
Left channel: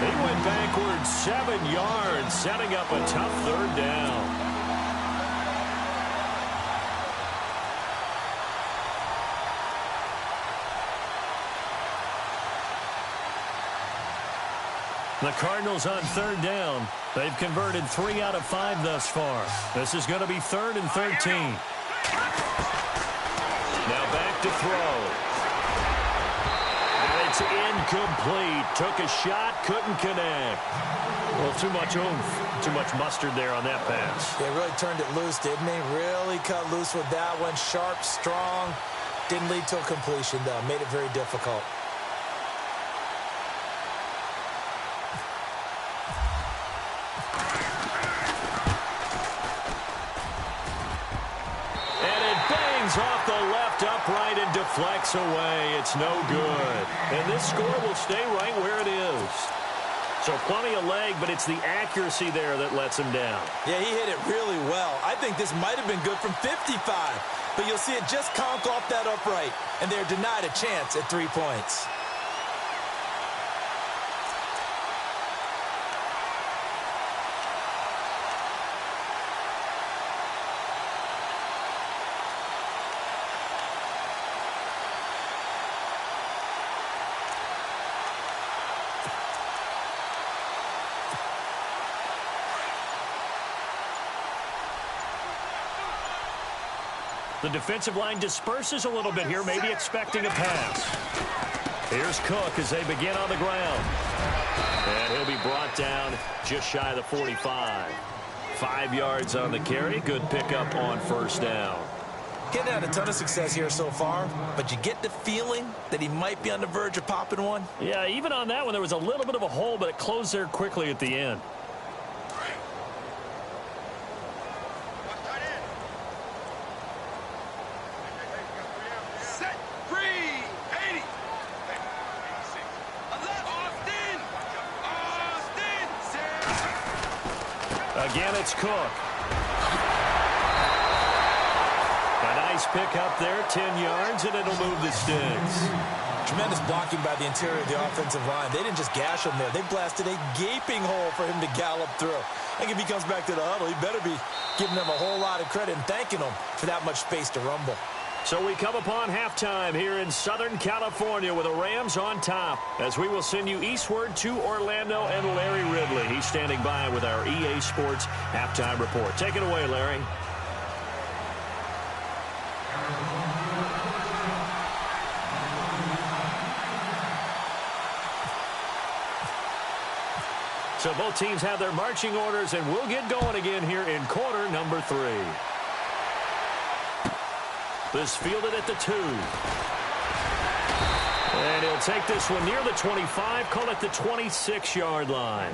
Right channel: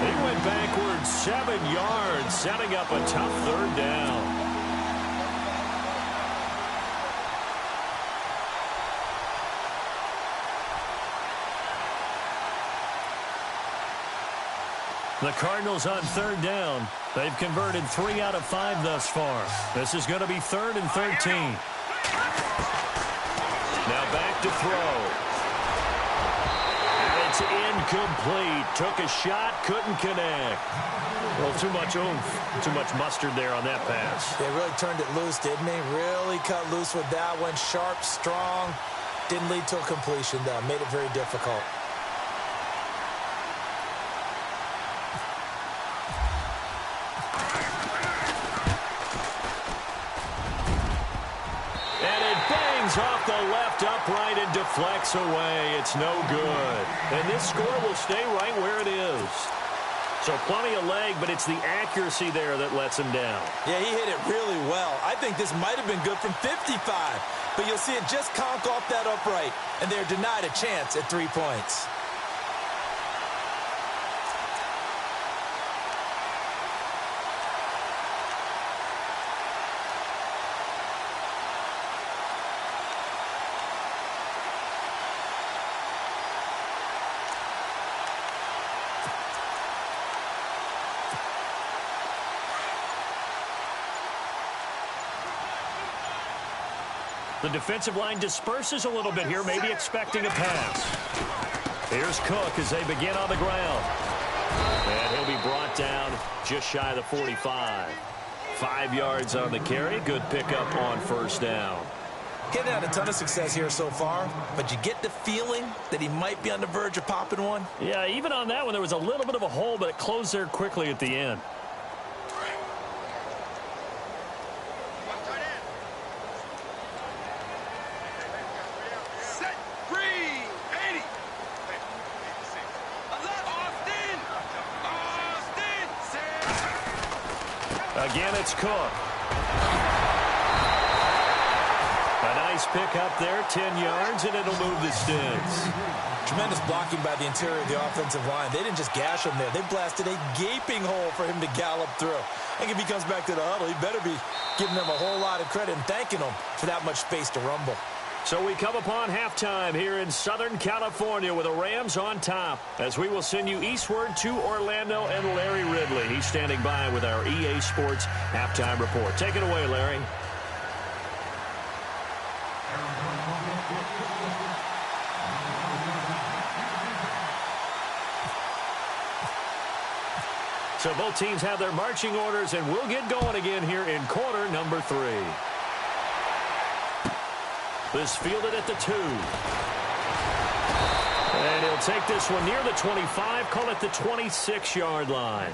He went backwards 7 yards, setting up a tough 3rd down. The Cardinals on 3rd down. They've converted 3 out of 5 thus far. This is going to be 3rd and 13. Now back to throw. And it's incomplete. Took a shot, couldn't connect. Well, too much oomph, too much mustard there on that pass. They really turned it loose, didn't they? Really cut loose with that one. Sharp, strong. Didn't lead to a completion, though. Made it very difficult. Off the left upright and deflects away. It's no good. And this score will stay right where it is. So plenty of leg, but it's the accuracy there that lets him down. Yeah, he hit it really well. I think this might have been good from 55. But you'll see it just conk off that upright. And they're denied a chance at 3 points. The defensive line disperses a little bit here, maybe expecting a pass. Here's Cook as they begin on the ground. And he'll be brought down just shy of the 45. 5 yards on the carry. Good pickup on 1st down. Getting had a ton of success here so far, but you get the feeling that he might be on the verge of popping one. Yeah, even on that one, there was a little bit of a hole, but it closed there quickly at the end. Austin! Again, it's Cook. A nice pick up there, 10 yards, and it'll move the sticks. Tremendous blocking by the interior of the offensive line. They didn't just gash him there. They blasted a gaping hole for him to gallop through. I think if he comes back to the huddle, he better be giving them a whole lot of credit and thanking them for that much space to rumble. So we come upon halftime here in Southern California with the Rams on top, as we will send you eastward to Orlando and Larry Ridley. He's standing by with our EA Sports halftime report. Take it away, Larry. So both teams have their marching orders, and we'll get going again here in quarter number 3. This fielded at the 2. And he'll take this one near the 25, call it the 26-yard line.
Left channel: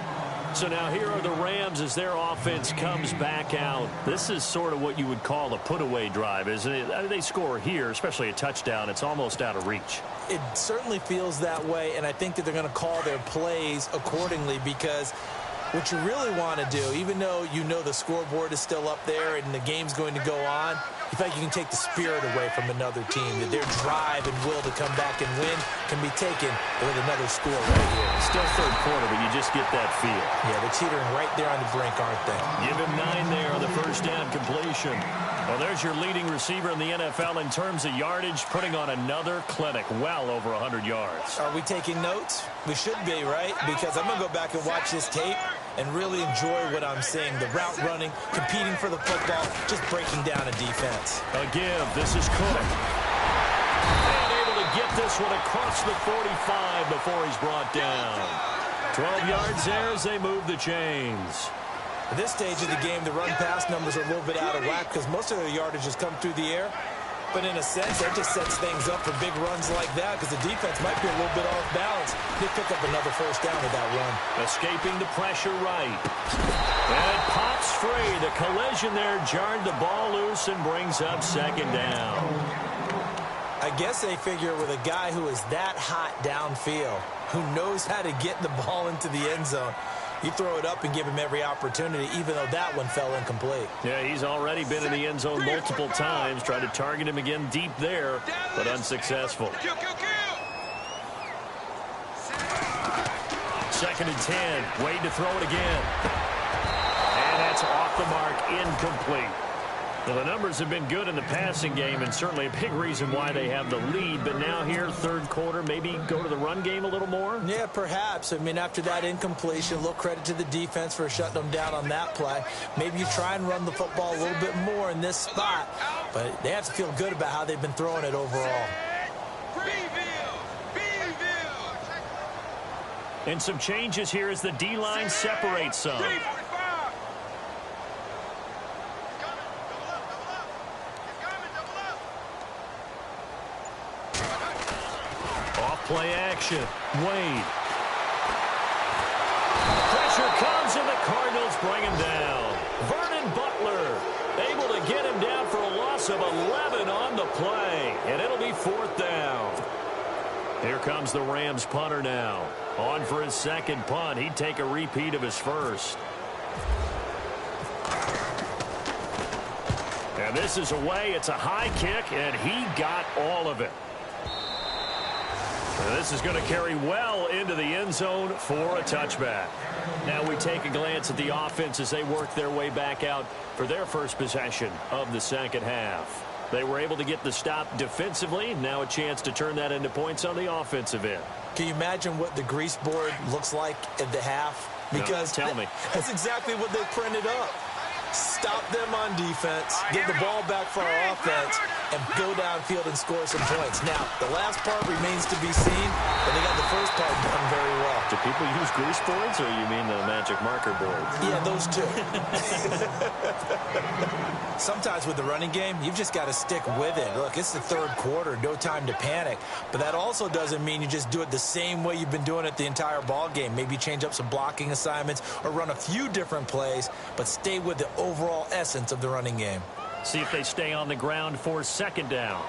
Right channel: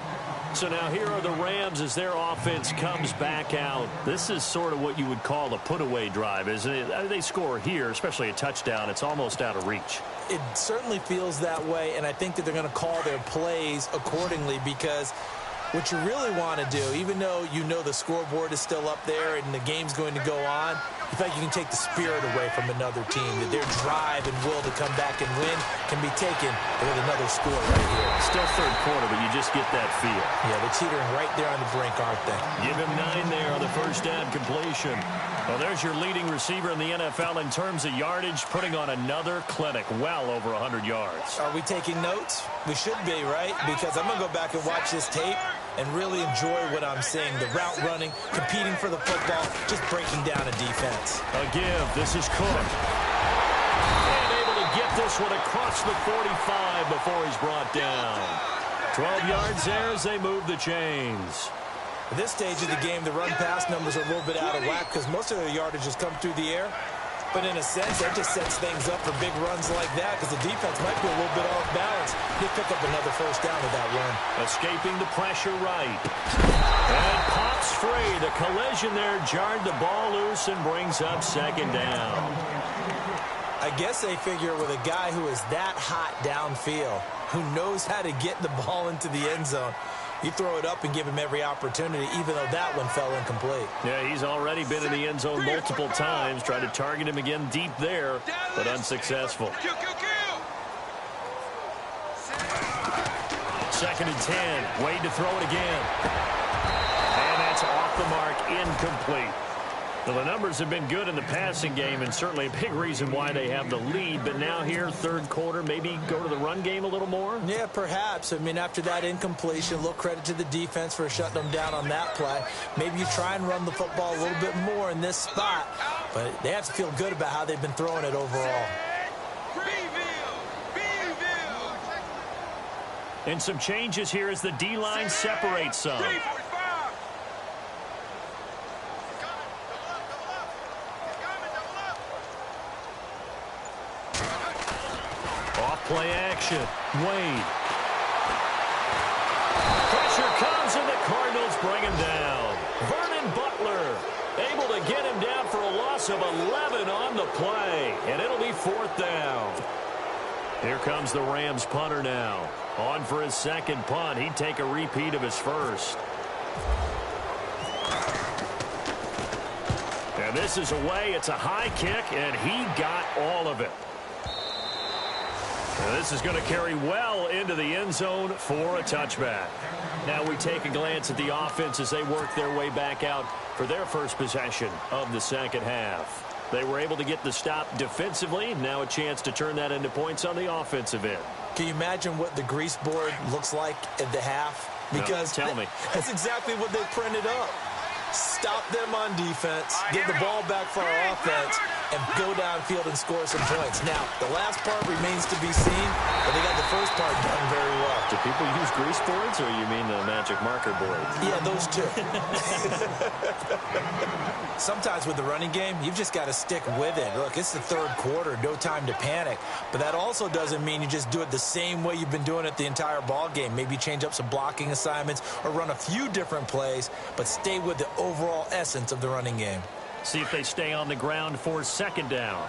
So now here are the Rams as their offense comes back out. This is sort of what you would call a put-away drive, isn't it? They score here, especially a touchdown. It's almost out of reach. It certainly feels that way, and I think that they're going to call their plays accordingly, because what you really want to do, even though you know the scoreboard is still up there and the game's going to go on, you feel like you can take the spirit away from another team, that their drive and will to come back and win can be taken with another score right here. Still third quarter, but you just get that feel. Yeah, they're teetering right there on the brink, aren't they? Give him 9 there on the first down completion. Well, there's your leading receiver in the NFL in terms of yardage, putting on another clinic, well over 100 yards. Are we taking notes? We should be, right? Because I'm going to go back and watch this tape and really enjoy what I'm seeing. The route running, competing for the football, just breaking down a defense. A give. This is Cook. And able to get this one across the 45 before he's brought down. 12 yards there as they move the chains. At this stage of the game, the run-pass numbers are a little bit out of whack because most of their yardage has come through the air. But in a sense, that just sets things up for big runs like that because the defense might be a little bit off balance. They pick up another first down with that run. Escaping the pressure right. And it pops free. The collision there jarred the ball loose and brings up second down. I guess they figure with a guy who is that hot downfield, who knows how to get the ball into the end zone, you throw it up and give him every opportunity, even though that one fell incomplete. Yeah, he's already been in the end zone multiple times. Tried to target him again deep there, but unsuccessful. Second and 10. Wade to throw it again. And that's off the mark, incomplete. Well, the numbers have been good in the passing game, and certainly a big reason why they have the lead. But now here, third quarter, maybe go to the run game a little more? Yeah, perhaps. I mean, after that incompletion, a little credit to the defense for shutting them down on that play. Maybe you try and run the football a little bit more in this spot. But they have to feel good about how they've been throwing it overall. And some changes here as the D-line separates some. Play action. Wade. Pressure comes and the Cardinals bring him down. Vernon Butler able to get him down for a loss of 11 on the play. And it'll be fourth down. Here comes the Rams punter now. On for his second punt. He'd take a repeat of his first. And this is away. It's a high kick, and he got all of it. This is going to carry well into the end zone for a touchback. Now we take a glance at the offense as they work their way back out for their first possession of the second half. They were able to get the stop defensively. Now a chance to turn that into points on the offensive end. Can you imagine what the grease board looks like at the half? Because no, tell me. That's exactly what they printed up. Stop them on defense, get the ball back for our offense, and go downfield and score some points. Now, the last part remains to be seen, but they got the first part done very well. Do people use grease boards, or you mean the magic marker boards? Yeah, those two. Sometimes with the running game, you've just got to stick with it. Look, it's the third quarter, no time to panic. But that also doesn't mean you just do it the same way you've been doing it the entire ball game. Maybe change up some blocking assignments or run a few different plays, but stay with the overall essence of the running game. See if they stay on the ground for second down.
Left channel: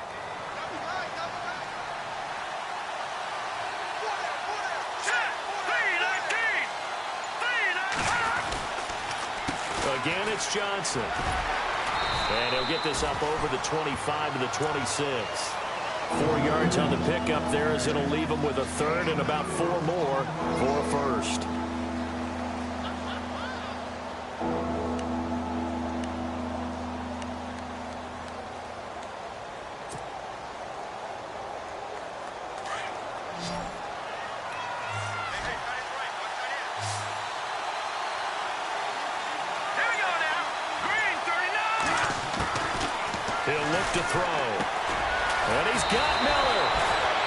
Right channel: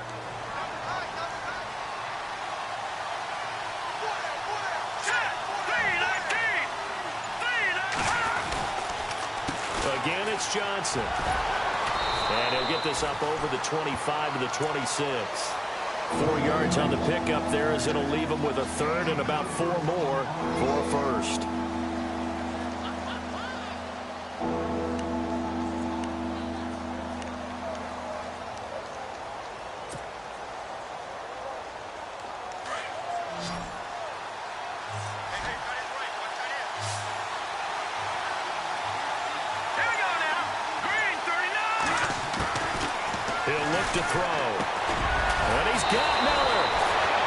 Again, it's Johnson. And he'll get this up over the 25 to the 26. 4 yards on the pickup there as it'll leave him with a third and about 4 more for a first. He'll look to throw. And he's got Miller.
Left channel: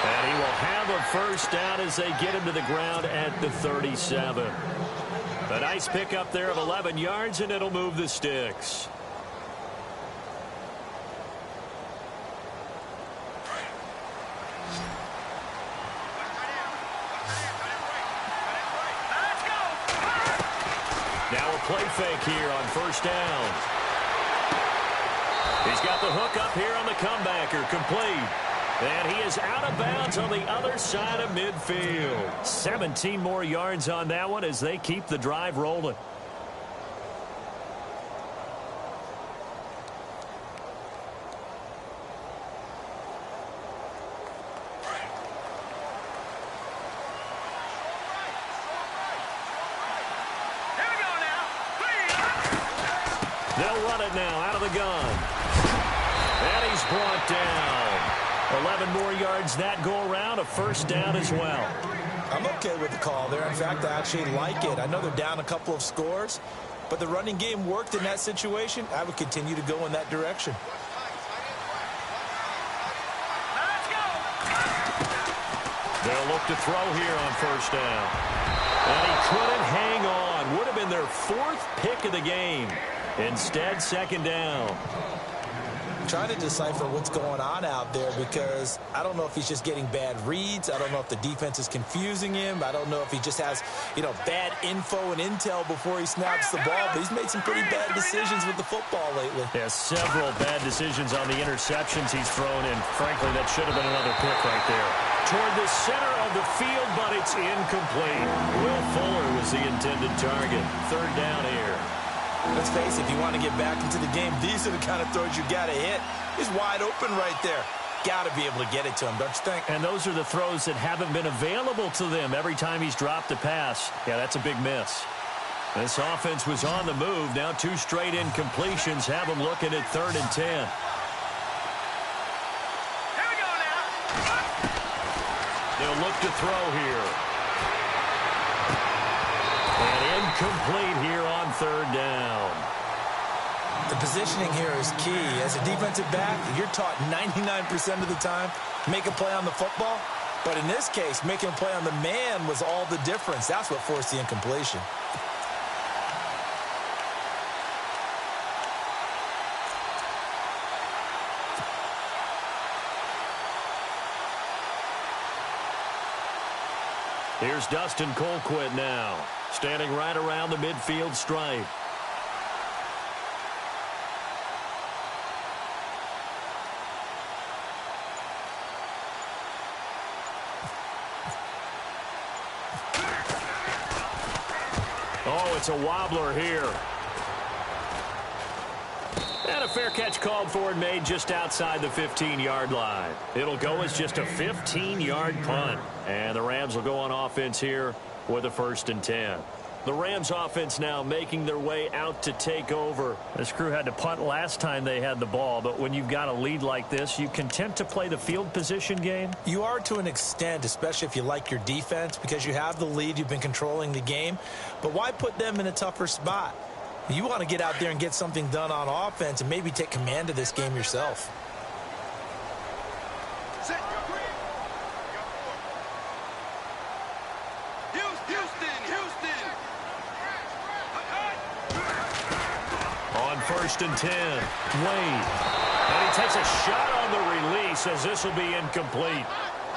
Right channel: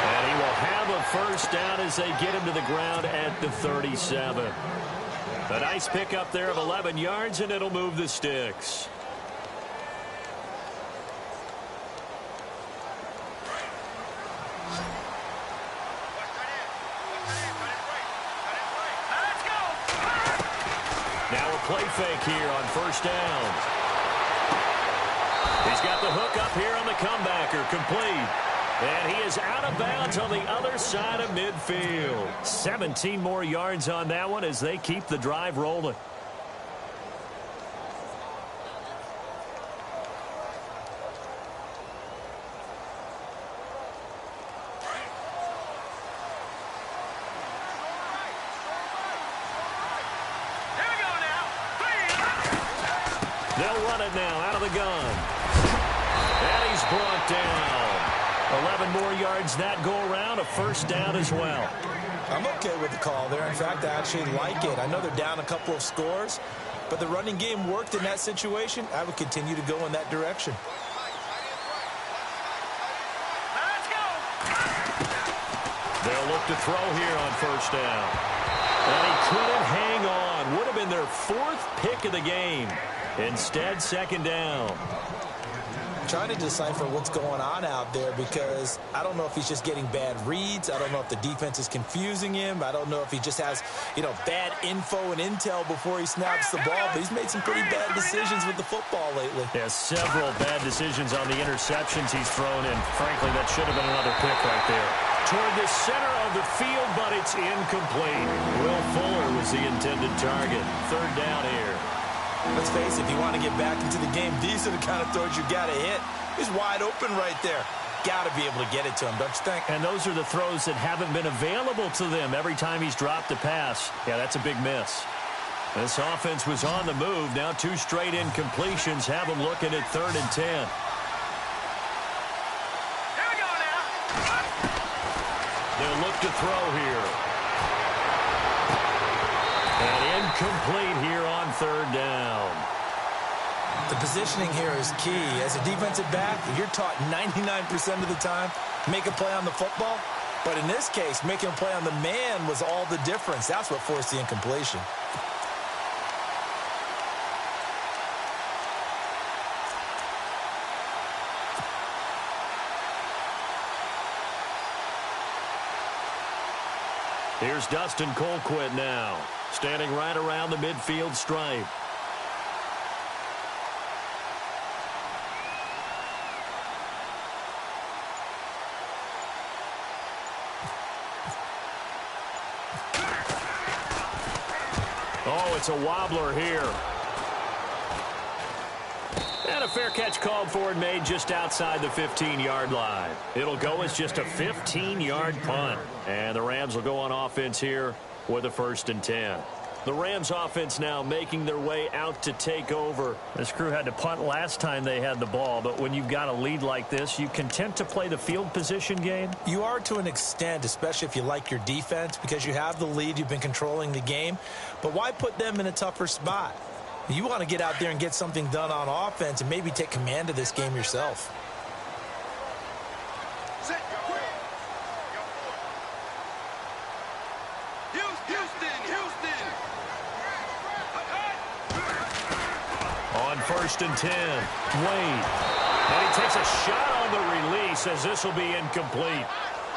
And he will have a first down as they get him to the ground at the 37. A nice pickup there of 11 yards, and it'll move the sticks. Now a play fake here on first down. He's got the hook up here on the comebacker, complete. And he is out of bounds on the other side of midfield. 17 more yards on that one as they keep the drive rolling. They'll run it now out of the gun. And he's brought down. 11 more yards that go around, a first down as well. I'm okay with the call there. In fact, I actually like it. I know they're down a couple of scores, but the running game worked in that situation. I would continue to go in that direction. They'll look to throw here on first down. And he couldn't hang on. Would have been their 4th pick of the game. Instead, second down. Trying to decipher what's going on out there because I don't know if he's just getting bad reads. I don't know if the defense is confusing him. I don't know if he just has, bad info and intel before he snaps the ball. But he's made some pretty bad decisions with the football lately. Yeah, several bad decisions on the interceptions he's thrown, and frankly, that should have been another pick right there. Toward the center of the field, but it's incomplete. Will Fuller was the intended target. Third down here. Let's face it, if you want to get back into the game, these are the kind of throws you got to hit. He's wide open right there. Got to be able to get it to him, don't you think? And those are the throws that haven't been available to them every time he's dropped a pass. Yeah, that's a big miss. This offense was on the move. Now 2 straight incompletions have them looking at 3rd and 10. Here we go now. They'll look to throw here. And incomplete here on 3rd down. The positioning here is key. As a defensive back, you're taught 99% of the time, make a play on the football. But in this case, making a play on the man was all the difference. That's what forced the incompletion. Here's Dustin Colquitt now, standing right around the midfield stripe. Oh, it's a wobbler here. And a fair catch called for and made just outside the 15-yard line. It'll go as just a 15-yard punt. And the Rams will go on offense here with a 1st and 10. The Rams offense now making their way out to take over. This crew had to punt last time they had the ball, but when you've got a lead like this, you content to play the field position game? You are to an extent, especially if you like your defense, because you have the lead, you've been controlling the game. But why put them in a tougher spot? You want to get out there and get something done on offense and maybe take command of this game yourself. Set your green. Houston. On 1st and 10, Wade. And he takes a shot on the release as this will be incomplete.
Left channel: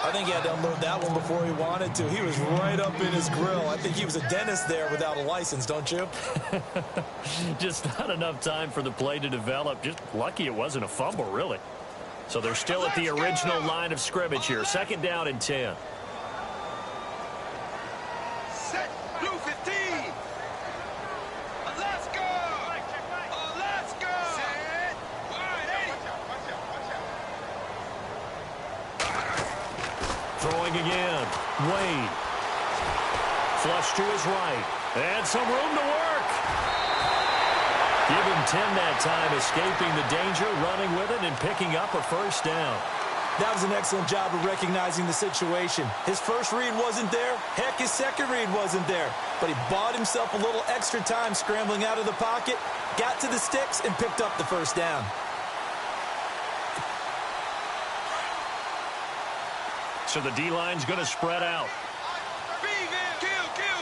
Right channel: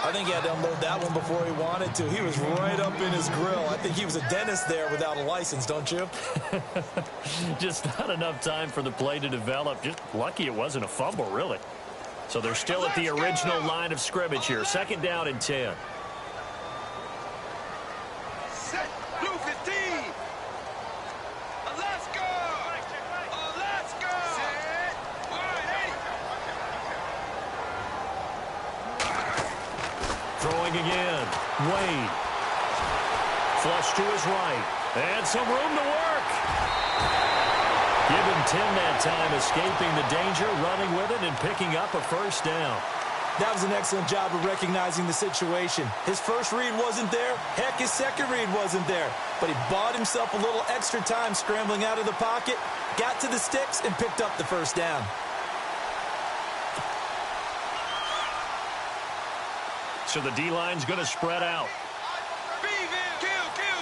I think he had to unload that one before he wanted to. He was right up in his grill. I think he was a dentist there without a license, don't you? Just not enough time for the play to develop. Just lucky it wasn't a fumble, really. So they're still at the original line of scrimmage here. 2nd down and 10. Set blue 15. Let's go. Throwing again. Wade. Flush to his right. And some room to work. Give him 10 that time, escaping the danger, running with it, and picking up a first down. That was an excellent job of recognizing the situation. His first read wasn't there. Heck, his second read wasn't there. But he bought himself a little extra time scrambling out of the pocket, got to the sticks, and picked up the first down. So the D-line's going to spread out.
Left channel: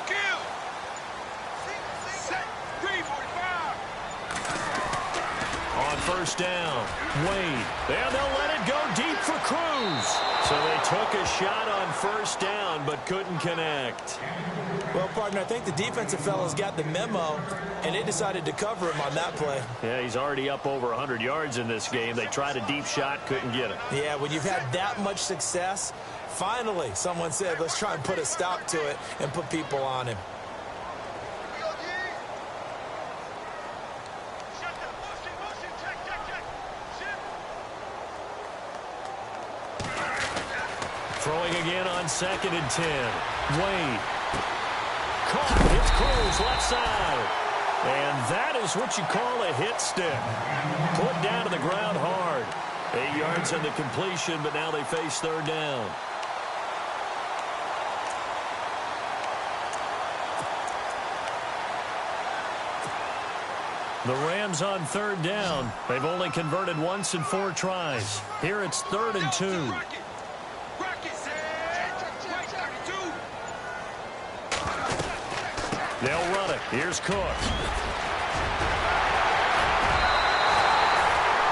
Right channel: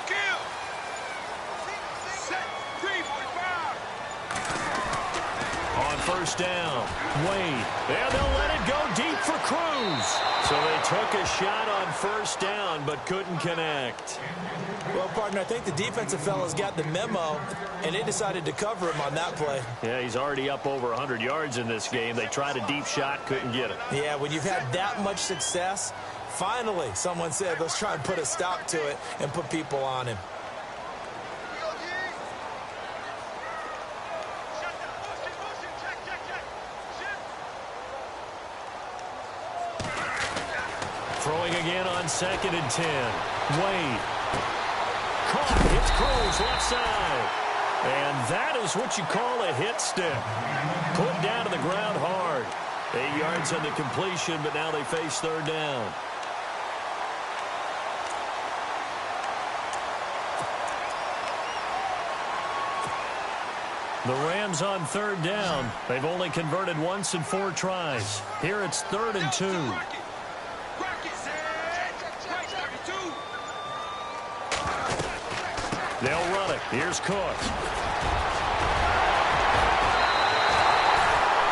Kill. Set. 345. On first down, Wade. And they'll let it go deep for Cruz. So they took a shot on first down, but couldn't connect. Well, partner, I think the defensive fellas got the memo, and they decided to cover him on that play. Yeah, he's already up over 100 yards in this game. They tried a deep shot, couldn't get it. Yeah, when you've had that much success, finally someone said, let's try and put a stop to it and put people on him. Throwing again on 2nd and 10. Wade. Caught. It's Cruz left side. And that is what you call a hit stick. Put down to the ground hard. 8 yards on the completion, but now they face third down. The Rams on third down. They've only converted once in 4 tries. Here it's 3rd and 2. They'll run it. Here's Cook.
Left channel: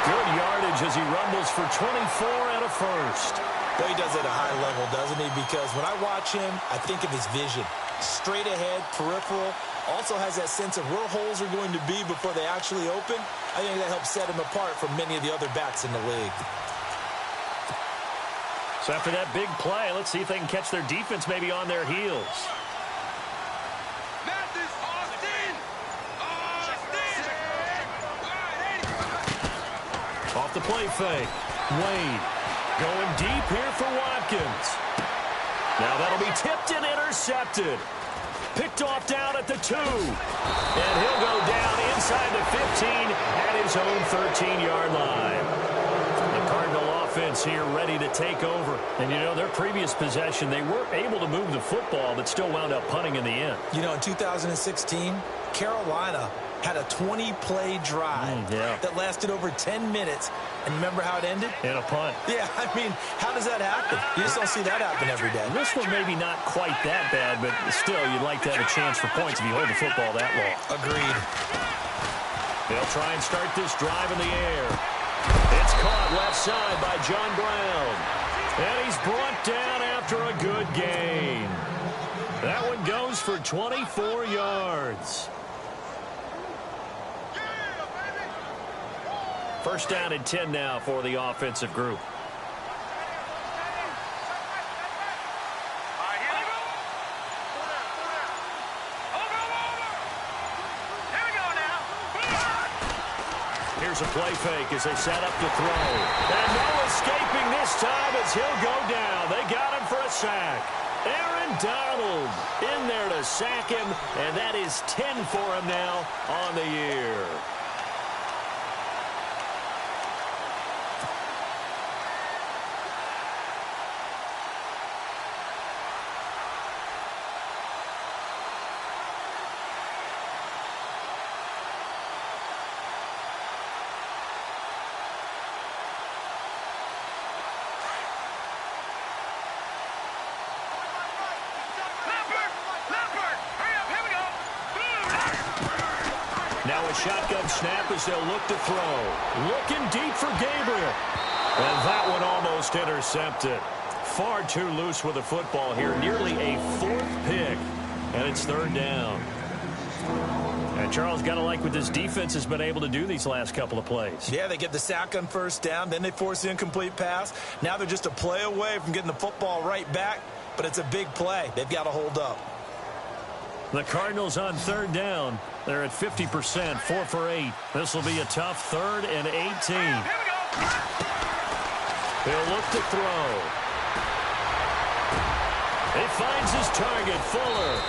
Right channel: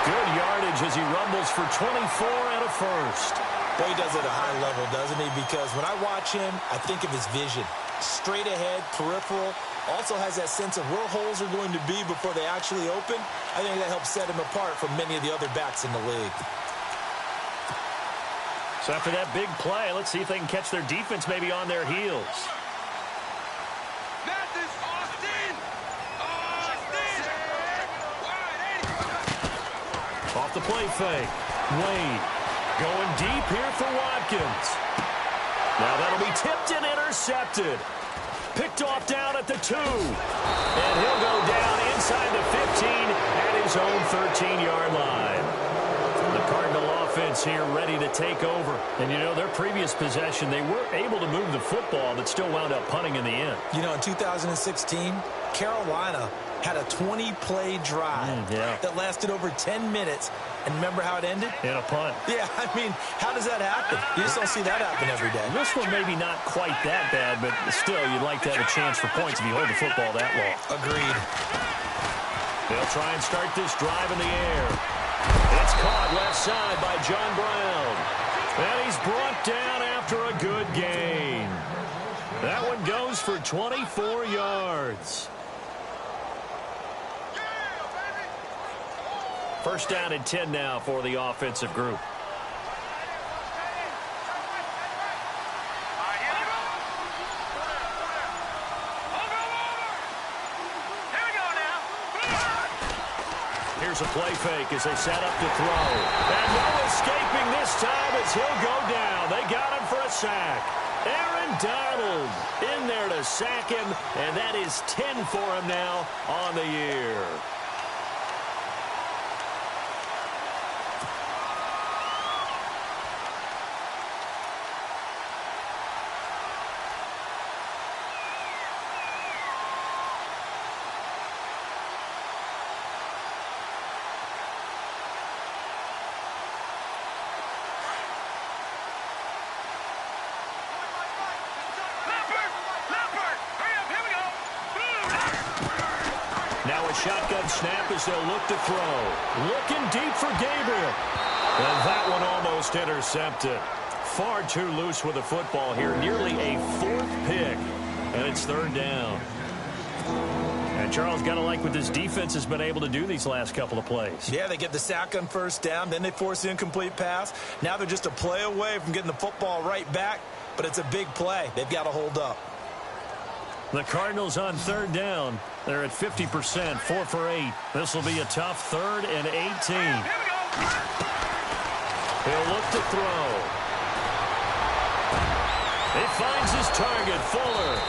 Good yardage as he rumbles for 24 and a first. Well, he does it at a high level, doesn't he? Because when I watch him, I think of his vision. Straight ahead, peripheral. Also has that sense of where holes are going to be before they actually open. I think that helps set him apart from many of the other backs in the league. So after that big play, let's see if they can catch their defense maybe on their heels. Off the play fake. Wade going deep here for Watkins. Now that'll be tipped and intercepted. Picked off down at the 2. And he'll go down inside the 15 at his own 13-yard line. The Cardinal offense here ready to take over. And, you know, their previous possession, they were able to move the football, but still wound up punting in the end. You know, in 2016, Carolina had a 20-play drive that lasted over 10 minutes. And remember how it ended? In a punt. Yeah, I mean, how does that happen? You just don't see that happen every day. This one maybe not quite that bad, but still, you'd like to have a chance for points if you hold the football that long. Agreed. They'll try and start this drive in the air. It's caught left side by John Brown. And he's brought down after a good gain. That one goes for 24 yards. First down and 10 now for the offensive group. Here's a play fake as they set up to throw. And no escaping this time as he'll go down. They got him for a sack. Aaron Donald in there to sack him, and that is 10 for him now on the year. Now a shotgun snap as they'll look to throw. Looking deep for Gabriel. And that one almost intercepted. Far too loose with the football here. Nearly a 4th pick. And it's 3rd down. And Charles, got to like what this defense has been able to do these last couple of plays. Yeah, they get the sack on first down. Then they force the incomplete pass. Now they're just a play away from getting the football right back. But it's a big play. They've got to hold up. The Cardinals on 3rd down. They're at 50%, 4 for 8. This will be a tough 3rd and 18. He'll look to throw. He finds his target, Fuller.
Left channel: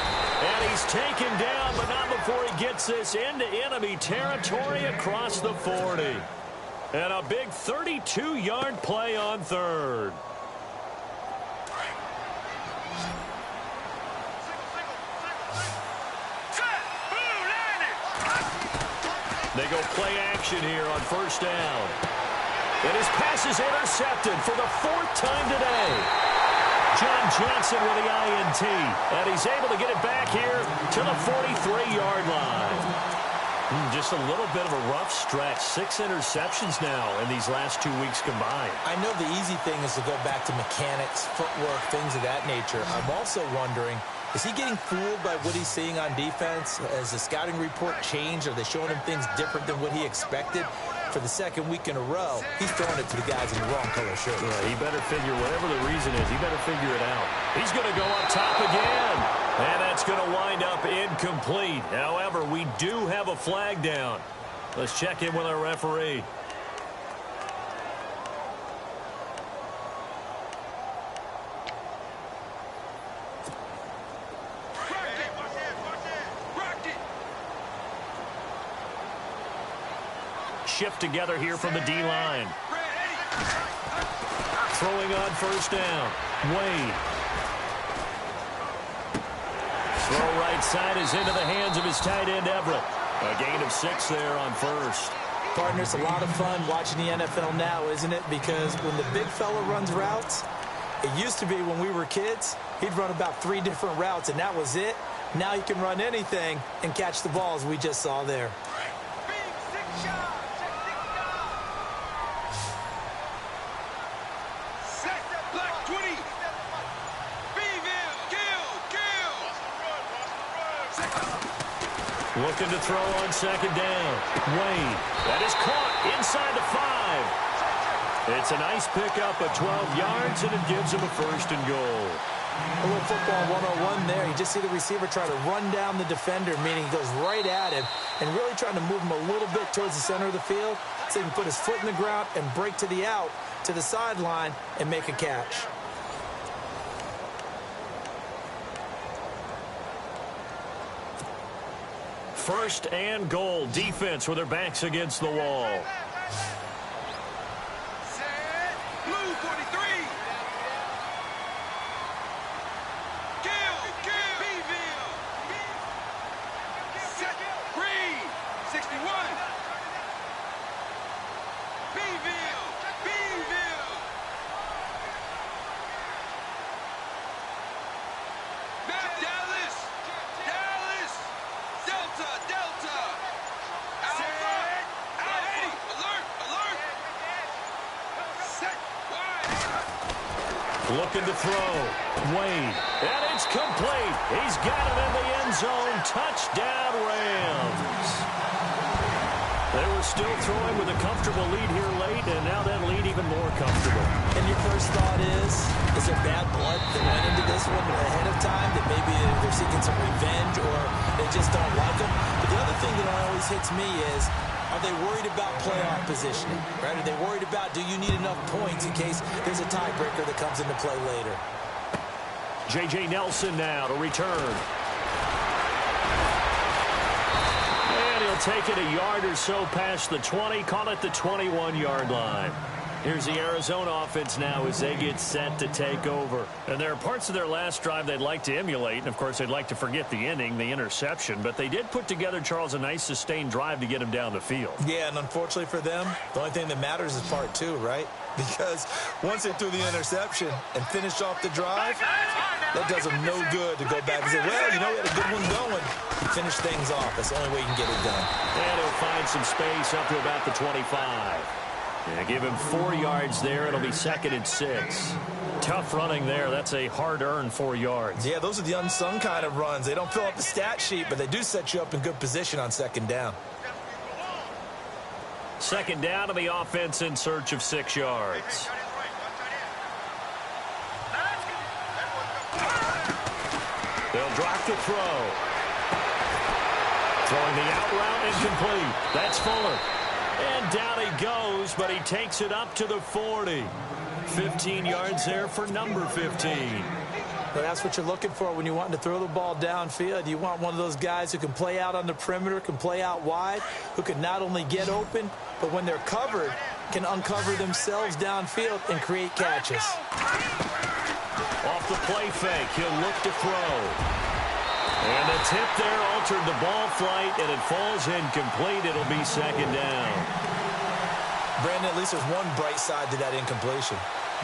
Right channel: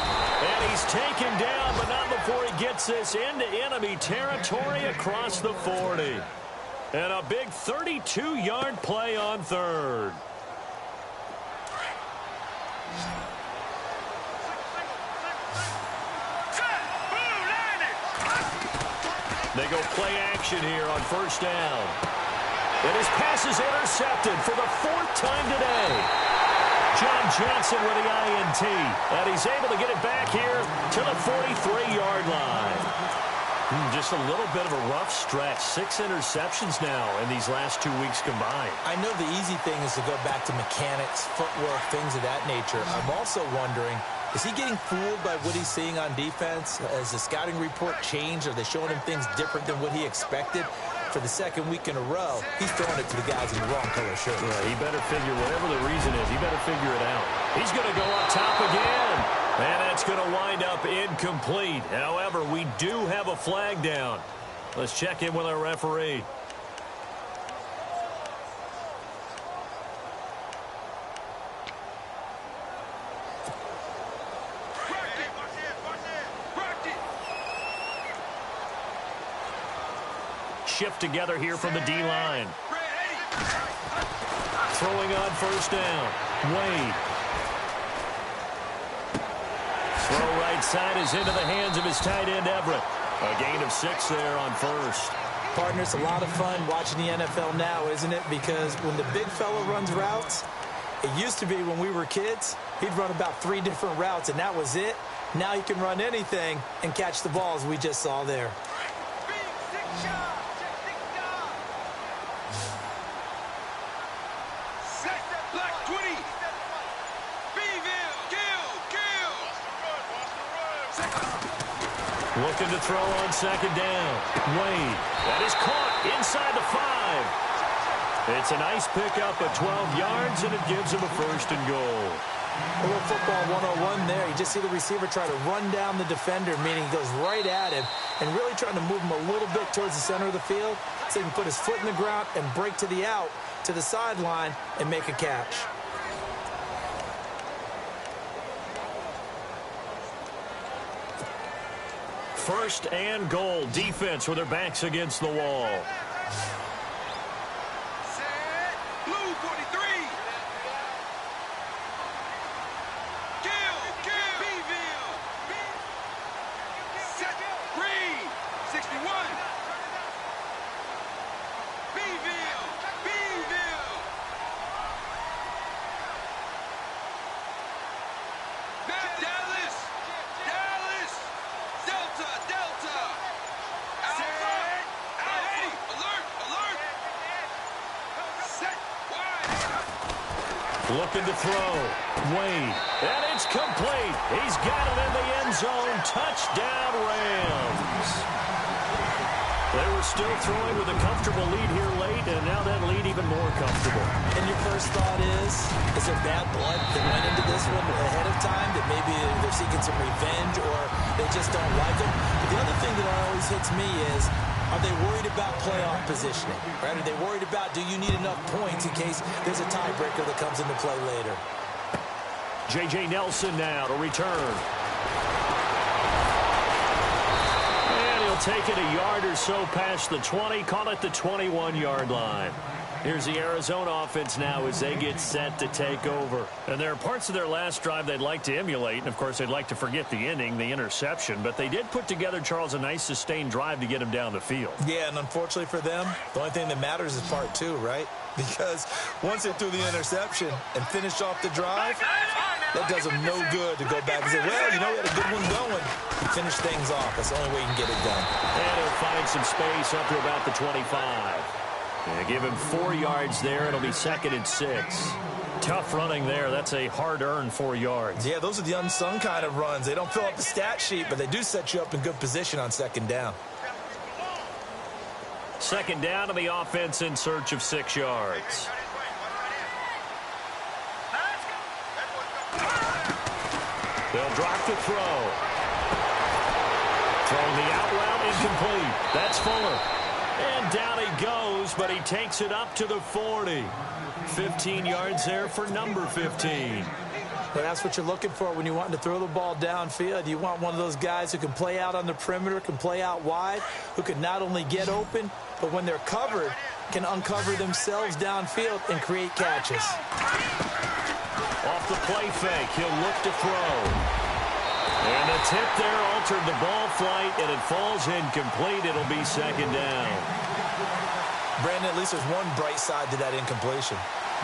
And he's taken down, but not before he gets this into enemy territory across the 40. And a big 32-yard play on third. They go play action here on first down. And his pass is intercepted for the 4th time today. John Johnson with the INT. And he's able to get it back here to the 43-yard line. Just a little bit of a rough stretch. 6 interceptions now in these last 2 weeks combined. I know the easy thing is to go back to mechanics, footwork, things of that nature. I'm also wondering, is he getting fooled by what he's seeing on defense? Has the scouting report changed? Are they showing him things different than what he expected? For the 2nd week in a row, he's throwing it to the guys in the wrong color shirt. Right, he better figure, whatever the reason is, he better figure it out. He's going to go up top again. And that's going to wind up incomplete. However, we do have a flag down. Let's check in with our referee. Shift together here from the D-line. Throwing on first down. Wade. Throw right side is into the hands of his tight end, Everett. A gain of 6 there on first. Partner, it's a lot of fun watching the NFL now, isn't it? Because when the big fella runs routes, it used to be when we were kids, he'd run about 3 different routes, and that was it. Now he can run anything and catch the balls we just saw there. Looking to throw on second down. Wade. That is caught inside the 5. It's a nice pickup of 12 yards, and it gives him a 1st and goal. A little football 101 there. You just see the receiver try to run down the defender, meaning he goes right at him, and really trying to move him a little bit towards the center of the field so he can put his foot in the ground and break to the out, to the sideline, and make a catch. First and goal. Defense with their backs against the wall. Set. Blue 43. Kill. Beeville. Set. Green. 61. Beeville. Matt Dallas. Delta. Alpha. Alert. Set. Wide. Looking to throw. Wade. And it's complete. He's got it in the end zone. Touchdown, Rams. They were still throwing with a comfortable lead here late, and now that lead even more comfortable. And your first thought is there bad blood that went into this one ahead of time, that maybe they're seeking some revenge or they just don't like them? But the other thing that always hits me is, are they worried about playoff positioning? Right? Are they worried about, do you need enough points in case there's a tiebreaker that comes into play later? J.J. Nelson now to return. And he'll take it a yard or so past the 20, call it the 21-yard line. Here's the Arizona offense now as they get set to take over. And there are parts of their last drive they'd like to emulate. And, of course, they'd like to forget the ending, the interception. But they did put together, Charles, a nice sustained drive to get him down the field. Yeah, and unfortunately for them, the only thing that matters is part 2, right? Because once they threw the interception and finished off the drive, that does them no good to go back and say, well, you know, we had a good one going. Finish things off. That's the only way you can get it done. And he'll find some space up to about the 25. Yeah, give him 4 yards there. It'll be 2nd and 6. Tough running there. That's a hard-earned 4 yards. Yeah, those are the unsung kind of runs. They don't fill up the stat sheet, but they do set you up in good position on 2nd down. 2nd down, and the offense in search of 6 yards. They'll drop to throw. Throwing the out route, incomplete. That's Fuller. And down he goes, but he takes it up to the 40. 15 yards there for number 15. Well, that's what you're looking for when you want to throw the ball downfield. You want one of those guys who can play out on the perimeter, can play out wide, who can not only get open, but when they're covered, can uncover themselves downfield and create catches. Off the play fake, he'll look to throw. And the tip there altered the ball flight, and it falls incomplete. It'll be second down. Brandon, at least there's one bright side to that incompletion.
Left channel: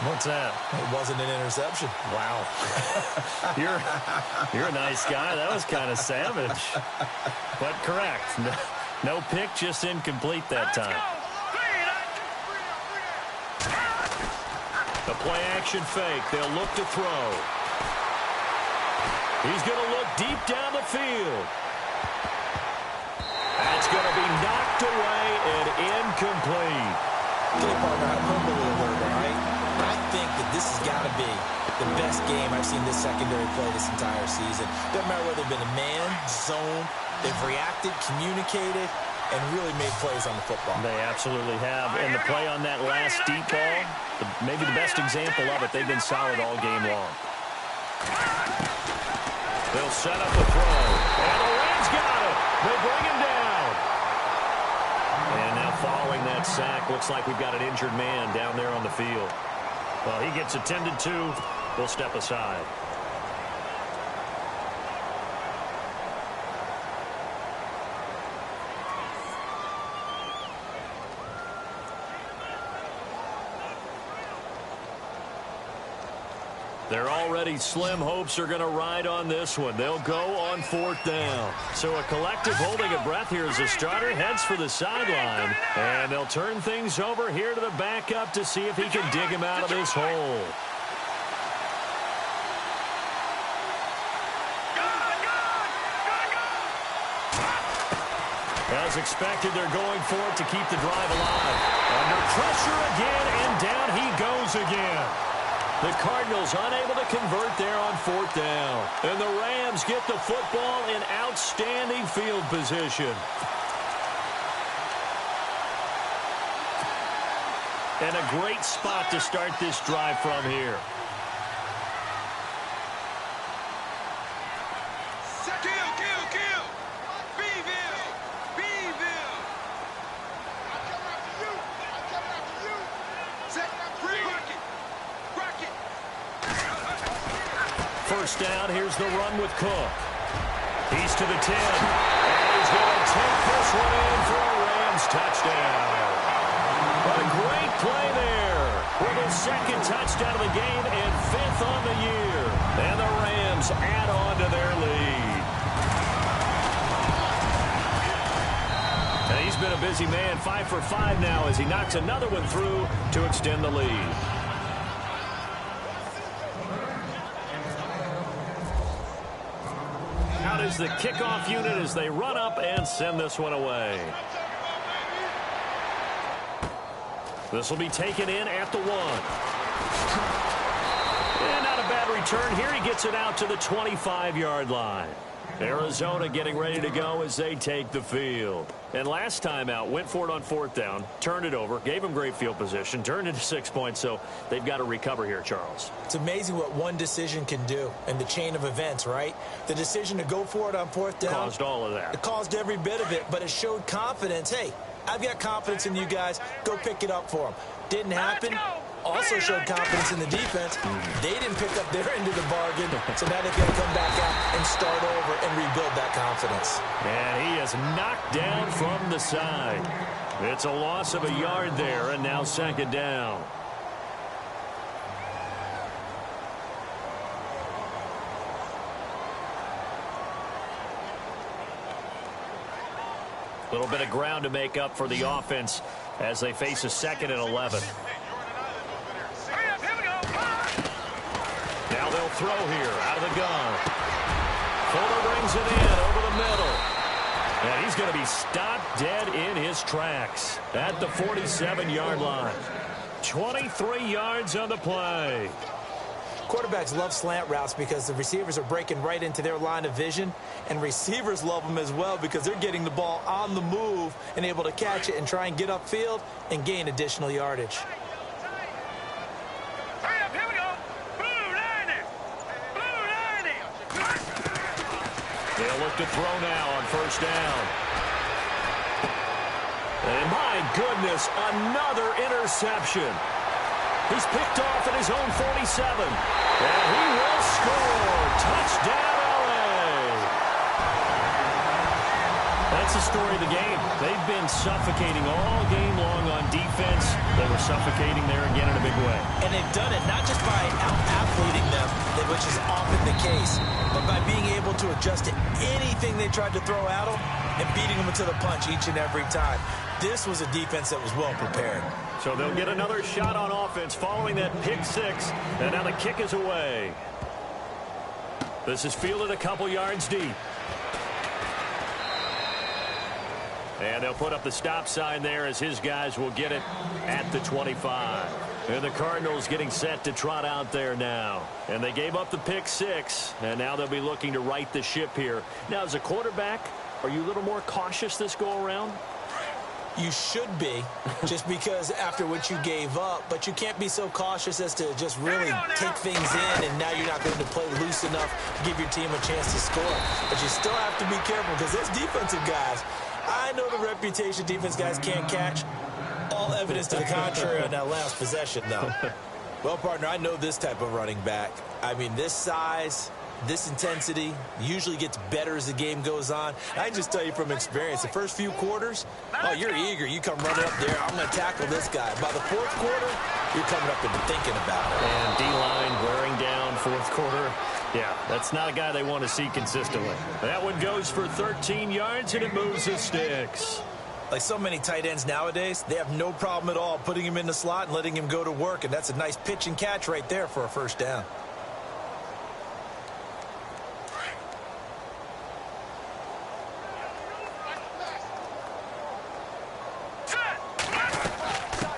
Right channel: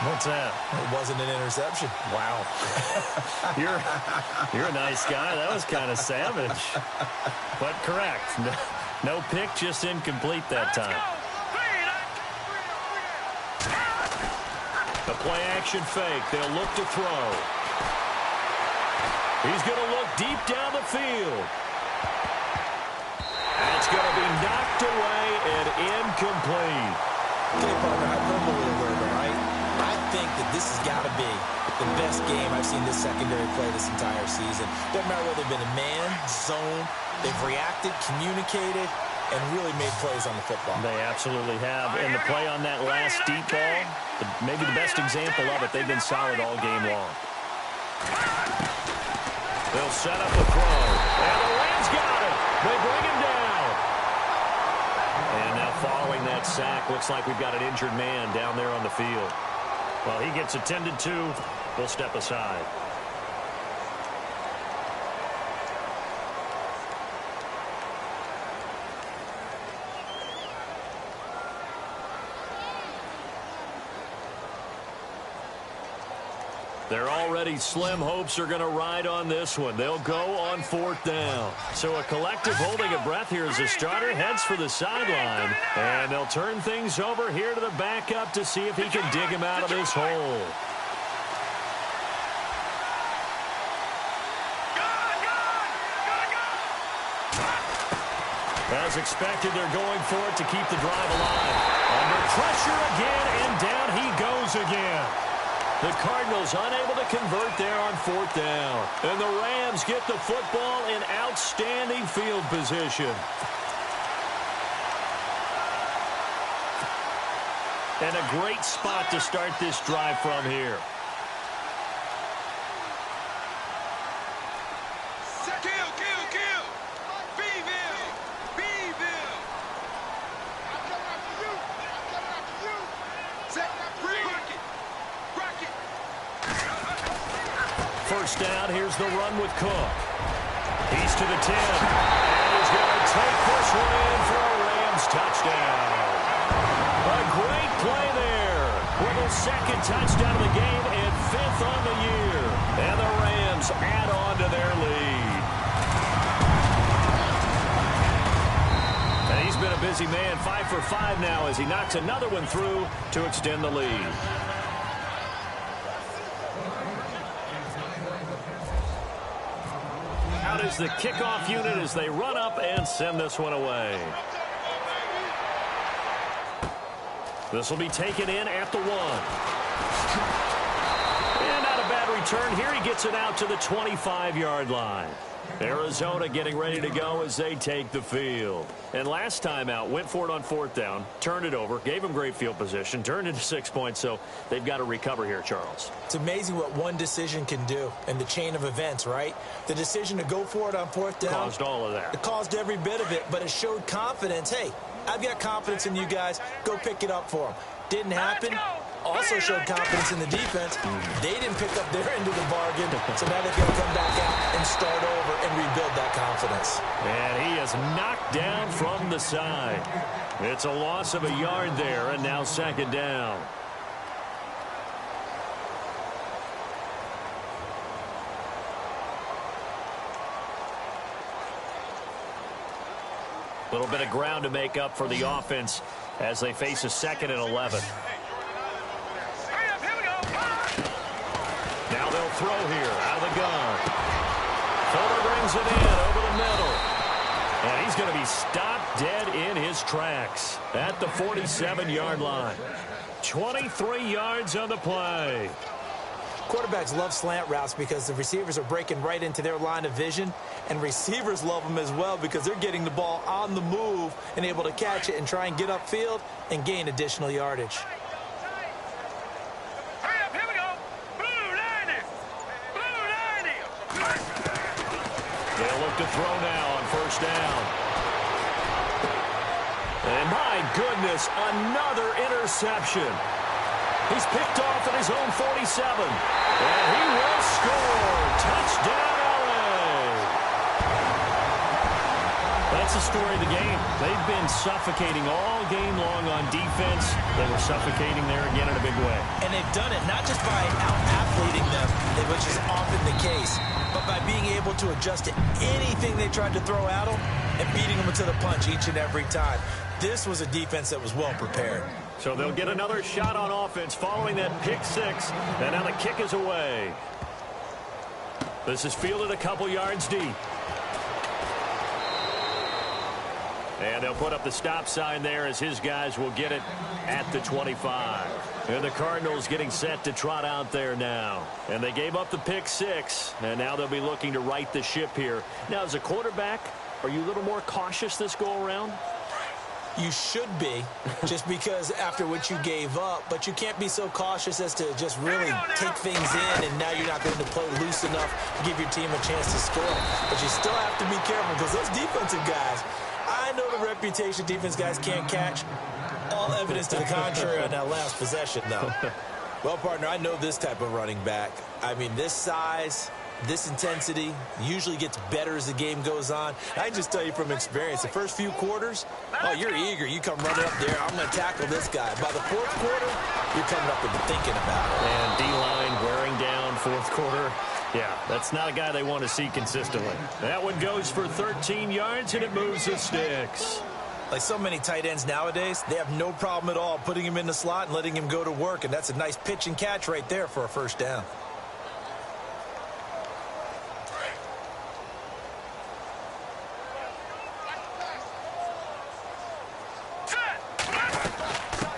What's that? It wasn't an interception. Wow. You're a nice guy. That was kind of savage. But correct. No pick, just incomplete that time. The play action fake. They'll look to throw. He's going to look deep down the field. That's going to be knocked away and incomplete. Okay, partner, hyperbole alert, all right? I think that this has got to be the best game I've seen this secondary play this entire season. Doesn't matter whether they've been a man, zone, they've reacted, communicated, and really made plays on the football. They absolutely have. And the play on that last deep ball, maybe the best example of it, they've been solid all game long. They'll set up the throw. And the Rams got it. They bring him down. And now following that sack, looks like we've got an injured man down there on the field. Well, he gets attended to. We'll step aside. They're already slim. Hopes are going to ride on this one. They'll go on fourth down. So a collective holding of breath here as the starter heads for the sideline. And they'll turn things over here to the backup to see if he can dig him out of this hole. As expected, they're going for it to keep the drive alive. Under pressure again, and down he goes again. The Cardinals unable to convert there on fourth down. And the Rams get the football in outstanding field position. And a great spot to start this drive from here. Kill. Beeville. I'm coming after you. Set. Rocket. First down, here's the run with Cook. He's to the 10. And he's going to take this one in for a Rams touchdown. A great play there. With his second touchdown of the game and fifth on the year. And the Rams add on to their lead. And he's been a busy man, 5 for 5 now as he knocks another one through to extend the lead. Out is the kickoff unit as they run up and send this one away. This will be taken in at the 1. And not a bad return here. He gets it out to the 25-yard line. Arizona getting ready to go as they take the field. And last time out, went for it on fourth down, turned it over, gave them great field position, turned into 6 points, so they've got to recover here, Charles. It's amazing what one decision can do in the chain of events, right? The decision to go for it on fourth down caused all of that. It caused every bit of it, but it showed confidence. Hey, I've got confidence in you guys. Go pick it up for them. Didn't happen. Also showed confidence in the defense. They didn't pick up their end of the bargain, so now they've got to come back out and start over and rebuild that confidence. And he is knocked down from the side. It's a loss of a yard there, and now second down. A little bit of ground to make up for the offense as they face a 2nd and 11. Now they'll throw here out of the gun. Fuller brings it in over the middle. And he's going to be stopped dead in his tracks at the 47-yard line. 23 yards on the play. Quarterbacks love slant routes because the receivers are breaking right into their line of vision, and receivers love them as well because they're getting the ball on the move and able to catch it and try and get upfield and gain additional yardage. Hurry up, here we go. Blue line it. Blue They'll look to throw now on first down. And my goodness, another interception. He's picked off at his own 47. And he will score. Touchdown, LA. That's the story of the game. They've been suffocating all game long on defense. They were suffocating there again in a big way. And they've done it not just by out-athleting them, which is often the case, but by being able to adjust to anything they tried to throw at them and beating them to the punch each and every time. This was a defense that was well prepared. So they'll get another shot on offense following that pick six. And now the kick is away. This is fielded a couple yards deep. And they'll put up the stop sign there as his guys will get it at the 25. And the Cardinals getting set to trot out there now. And they gave up the pick six. And now they'll be looking to right the ship here. Now, as a quarterback, are you a little more cautious this go-around? You should be, just because after what you gave up, but you can't be so cautious as to just really take things in, and now you're not going to play loose enough to give your team a chance to score. But you still have to be careful because those defensive guys, I know the reputation defense guys can't catch. All evidence to the contrary on that last possession, though. Well, partner, I know this type of running back. I mean, this size, this intensity usually gets better as the game goes on. I can just tell you from experience, the first few quarters, oh, you're eager. You come running up there. I'm going to tackle this guy. By the fourth quarter, you're coming up and thinking about it. And D-line wearing down fourth quarter. Yeah, that's not a guy they want to see consistently. That one goes for 13 yards, and it moves the sticks. Like so many tight ends nowadays, they have no problem at all putting him in the slot and letting him go to work, and that's a nice pitch and catch right there for a first down.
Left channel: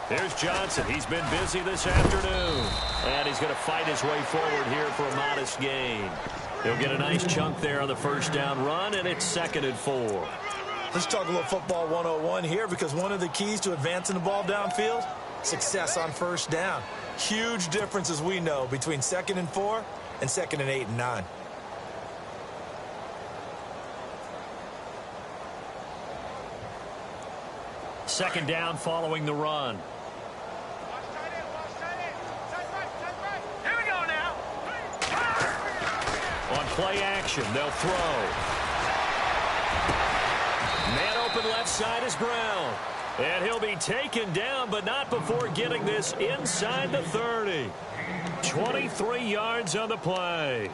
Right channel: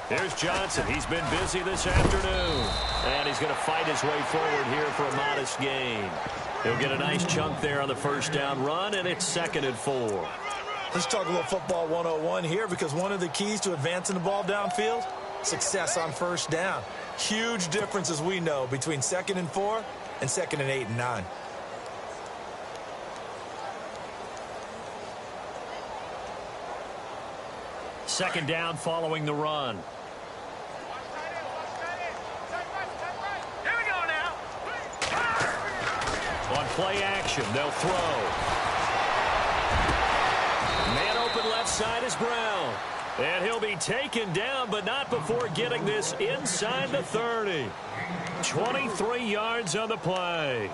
Here's Johnson. He's been busy this afternoon. And he's going to fight his way forward here for a modest gain. He'll get a nice chunk there on the first down run, and it's 2nd and 4. Let's talk about football 101 here, because one of the keys to advancing the ball downfield, success on first down. Huge difference, as we know, between 2nd and 4 and 2nd and 8 and 9. Second down following the run. Here we go now. On play action, they'll throw. Man open left side is Brown. And he'll be taken down, but not before getting this inside the 30. 23 yards on the play.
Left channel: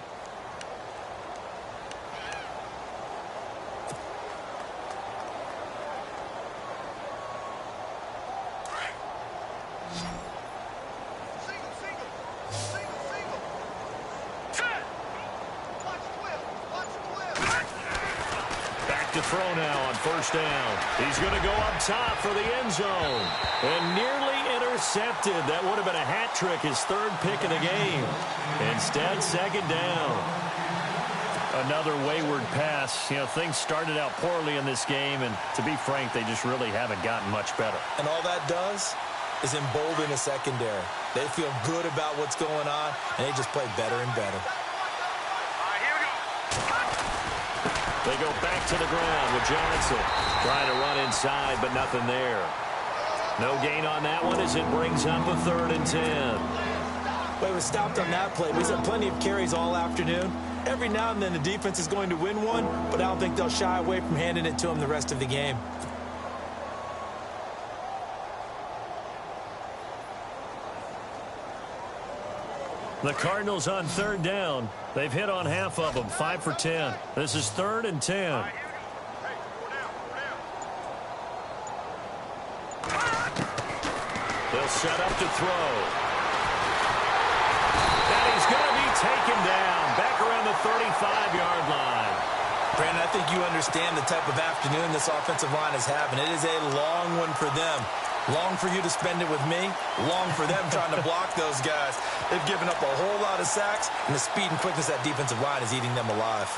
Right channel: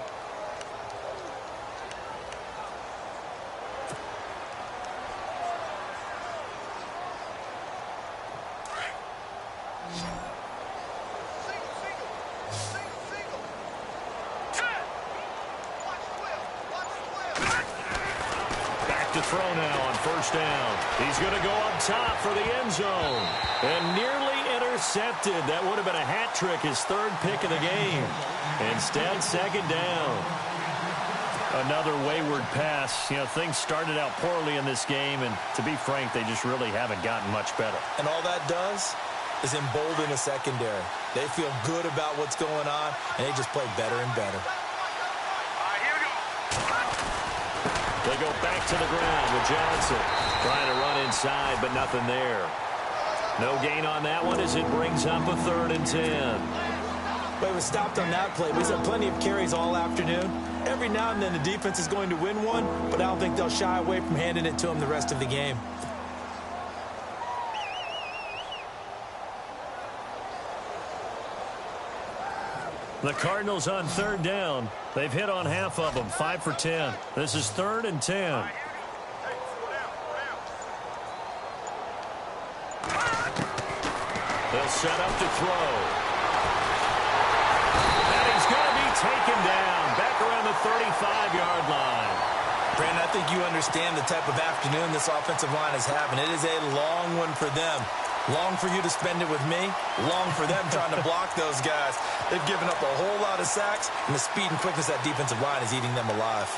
Throw now on first down. He's going to go up top for the end zone. And nearly intercepted. That would have been a hat trick, his 3rd pick of the game. Instead, 2nd down. Another wayward pass. You know, things started out poorly in this game, and to be frank, they just really haven't gotten much better. And all that does is embolden the secondary. They feel good about what's going on, and they just play better and better. They go back to the ground with Johnson. Trying to run inside, but nothing there. No gain on that one as it brings up a 3rd and 10. Well, he was stopped on that play. He's had plenty of carries all afternoon. Every now and then the defense is going to win one, but I don't think they'll shy away from handing it to him the rest of the game. The Cardinals on 3rd down. They've hit on half of them, 5 for 10. This is 3rd and 10. They'll set up to throw. And he's going to be taken down back around the 35-yard line. Brandon, I think you understand the type of afternoon this offensive line is having. It is a long one for them. Long for you to spend it with me. Long for them trying to block those guys. They've given up a whole lot of sacks, and the speed and quickness of that defensive line is eating them alive.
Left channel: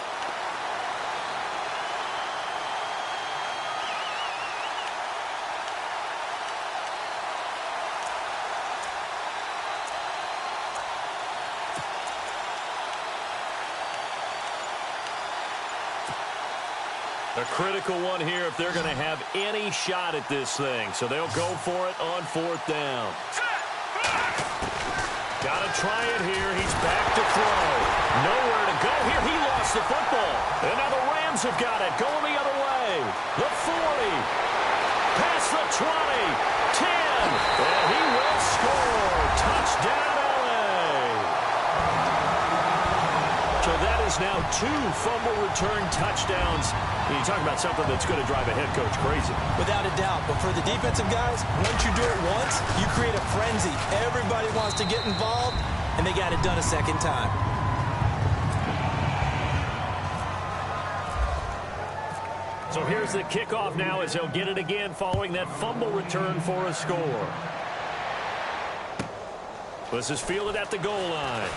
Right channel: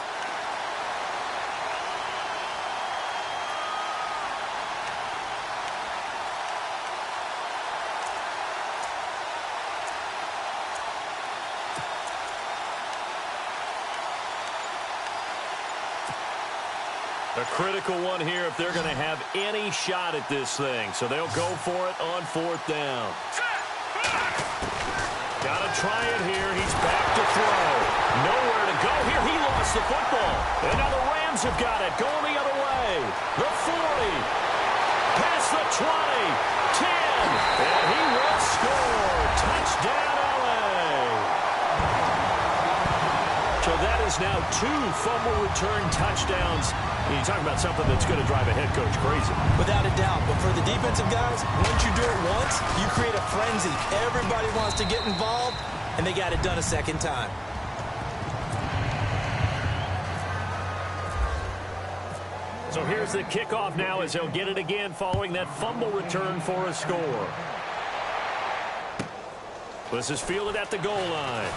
A critical one here if they're going to have any shot at this thing. So they'll go for it on 4th down. Got to try it here. He's back to throw. Nowhere to go here. He lost the football. And now the Rams have got it. Going the other way. The 40. Past the 20. 10. And he will score. Touchdown, LA. So that is now 2 fumble return touchdowns. You talk about something that's going to drive a head coach crazy. Without a doubt. But for the defensive guys, once you do it once, you create a frenzy. Everybody wants to get involved, and they got it done a second time. So here's the kickoff now as he'll get it again following that fumble return for a score. This is fielded at the goal line.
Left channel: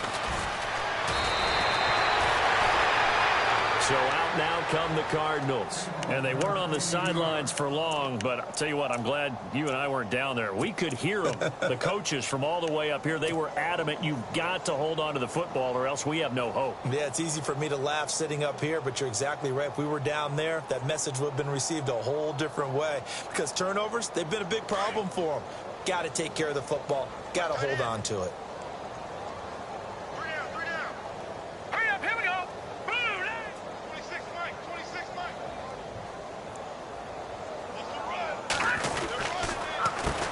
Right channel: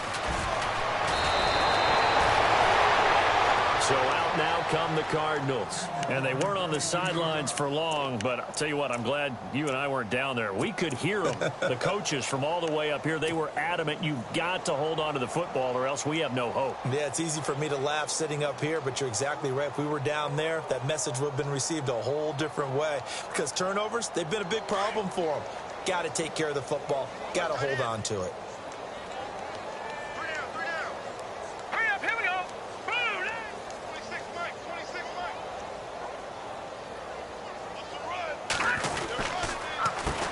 So out now come the Cardinals. And they weren't on the sidelines for long, but I'll tell you what, I'm glad you and I weren't down there. We could hear them, the coaches from all the way up here. They were adamant, you've got to hold on to the football or else we have no hope. Yeah, it's easy for me to laugh sitting up here, but you're exactly right. If we were down there, that message would have been received a whole different way. Because turnovers, they've been a big problem for them. Got to take care of the football. Got to hold on to it.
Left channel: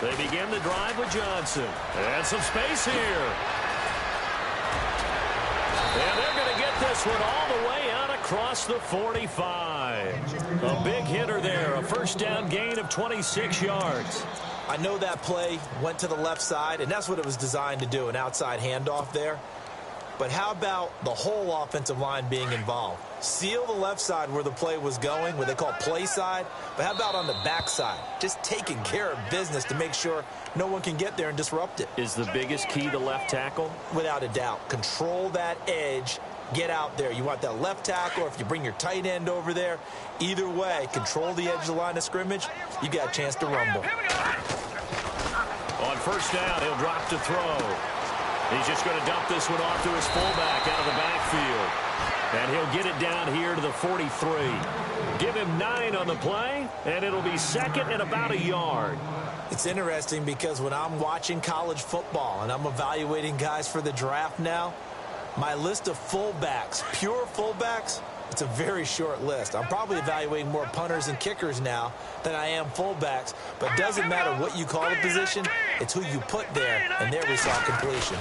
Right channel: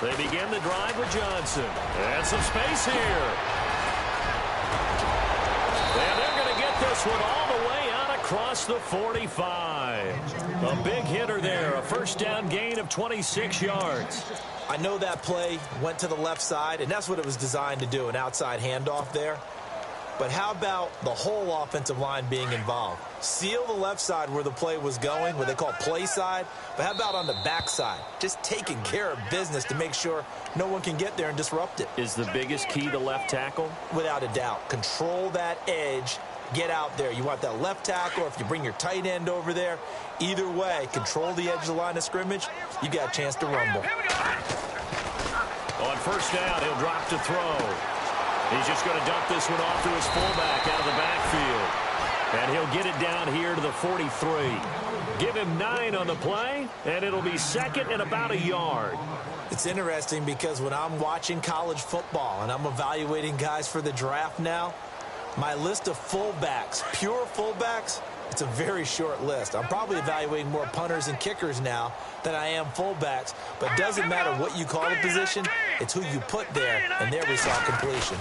They begin the drive with Johnson. And some space here. And they're going to get this one all the way out across the 45. A big hitter there. A first down gain of 26 yards. I know that play went to the left side, and that's what it was designed to do, an outside handoff there. But how about the whole offensive line being involved? Seal the left side where the play was going, what they call play side. But how about on the back side? Just taking care of business to make sure no one can get there and disrupt it. Is the biggest key the left tackle? Without a doubt. Control that edge. Get out there. You want that left tackle, or if you bring your tight end over there, either way, control the edge of the line of scrimmage. You got a chance to rumble. On first down, he'll drop to throw. He's just going to dump this one off to his fullback out of the backfield. And he'll get it down here to the 43. Give him 9 on the play, and it'll be second and about a yard. It's interesting because when I'm watching college football and I'm evaluating guys for the draft now, my list of fullbacks, pure fullbacks, it's a very short list. I'm probably evaluating more punters and kickers now than I am fullbacks. But it doesn't matter what you call the position, it's who you put there. And there we saw completion.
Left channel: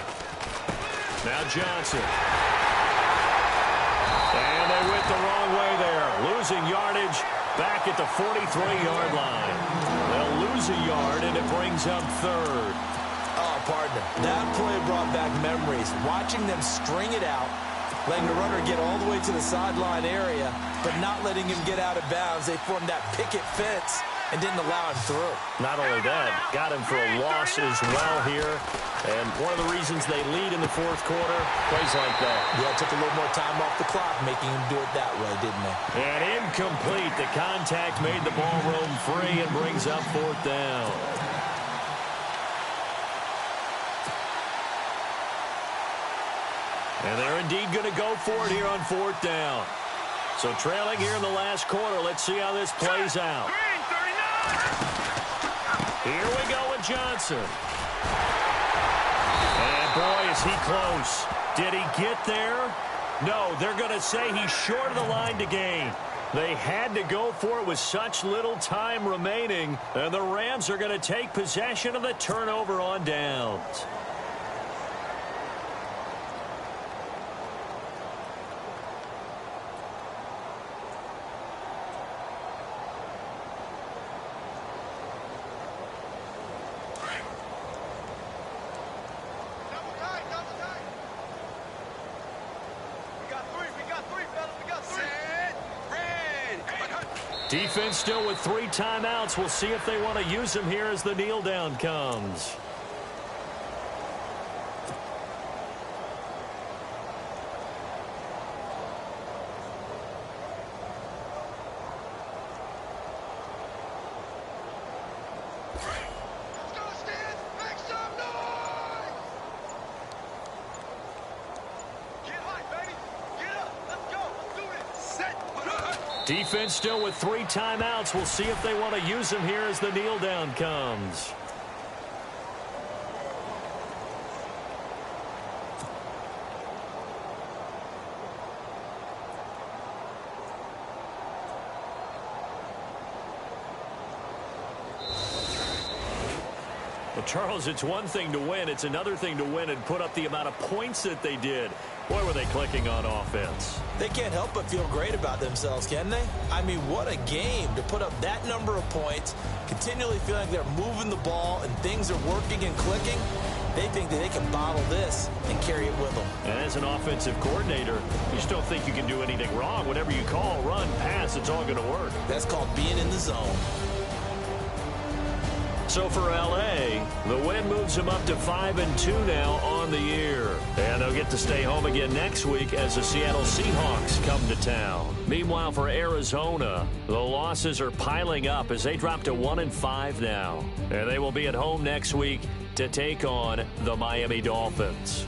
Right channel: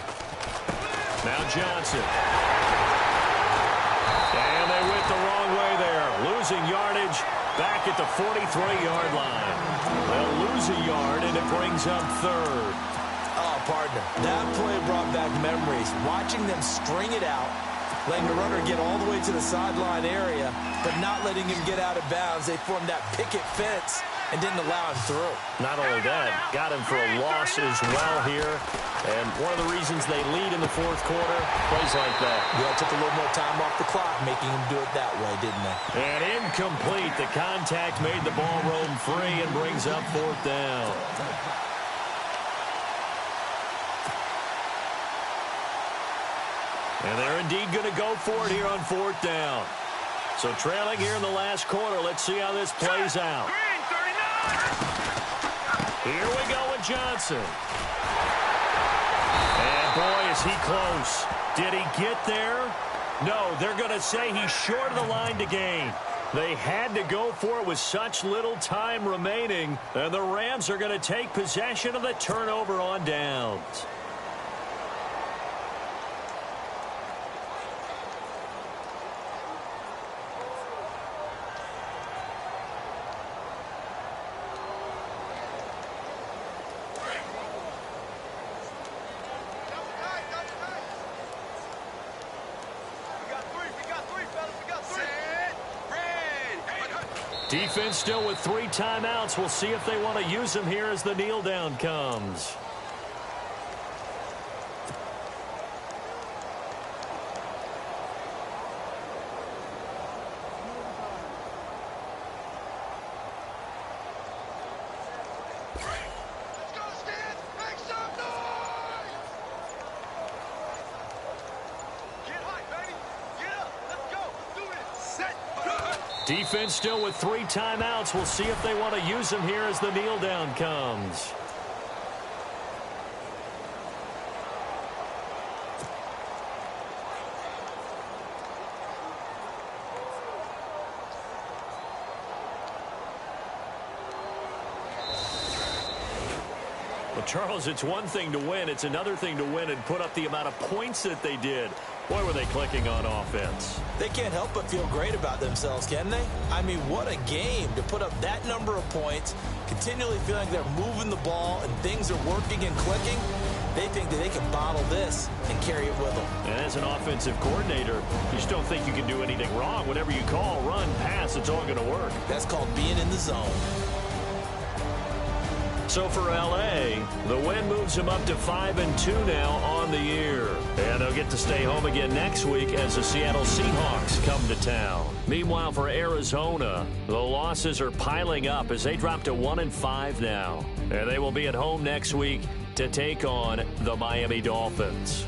Now Johnson. And they went the wrong way there. Losing yardage back at the 43-yard line. They'll lose a yard, and it brings up third. Oh, partner, that play brought back memories. Watching them string it out, letting the runner get all the way to the sideline area, but not letting him get out of bounds. They formed that picket fence and didn't allow him through. Not only that, got him for a loss as well here. And one of the reasons they lead in the fourth quarter, plays like that. Yeah, it took a little more time off the clock, making him do it that way, didn't they? And incomplete. The contact made the ball roam free and brings up fourth down. And they're indeed going to go for it here on fourth down. So trailing here in the last quarter. Let's see how this plays out. Here we go with Johnson. And boy, is he close. Did he get there? No, they're going to say he's short of the line to gain. They had to go for it with such little time remaining. And the Rams are going to take possession of the turnover on downs. Defense still with 3 timeouts. We'll see if they want to use them here as the kneel down comes. Let's go, Stan! Make some noise! Get hot, baby! Get up! Let's go! Let's do this! Set! Defense still with 3 timeouts. We'll see if they want to use them here as the kneel down comes. Well, Charles, it's one thing to win. It's another thing to win and put up the amount of points that they did. Boy, were they clicking on offense. They can't help but feel great about themselves, can they? I mean, what a game to put up that number of points, continually feeling like they're moving the ball and things are working and clicking. They think that they can bottle this and carry it with them. And as an offensive coordinator, you just don't think you can do anything wrong. Whatever you call, run, pass, it's all going to work. That's called being in the zone. So for L.A., the win moves them up to 5-2 now on the year. And they'll get to stay home again next week as the Seattle Seahawks come to town. Meanwhile, for Arizona, the losses are piling up as they drop to 1-5 now. And they will be at home next week to take on the Miami Dolphins.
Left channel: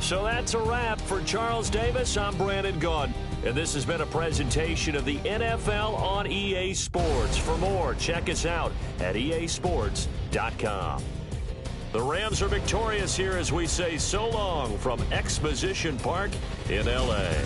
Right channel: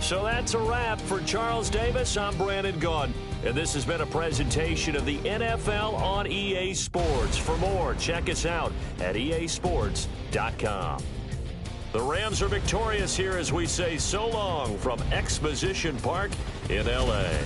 So that's a wrap. For Charles Davis, I'm Brandon Gaudin. And this has been a presentation of the NFL on EA Sports. For more, check us out at easports.com. The Rams are victorious here as we say so long from Exposition Park in L.A.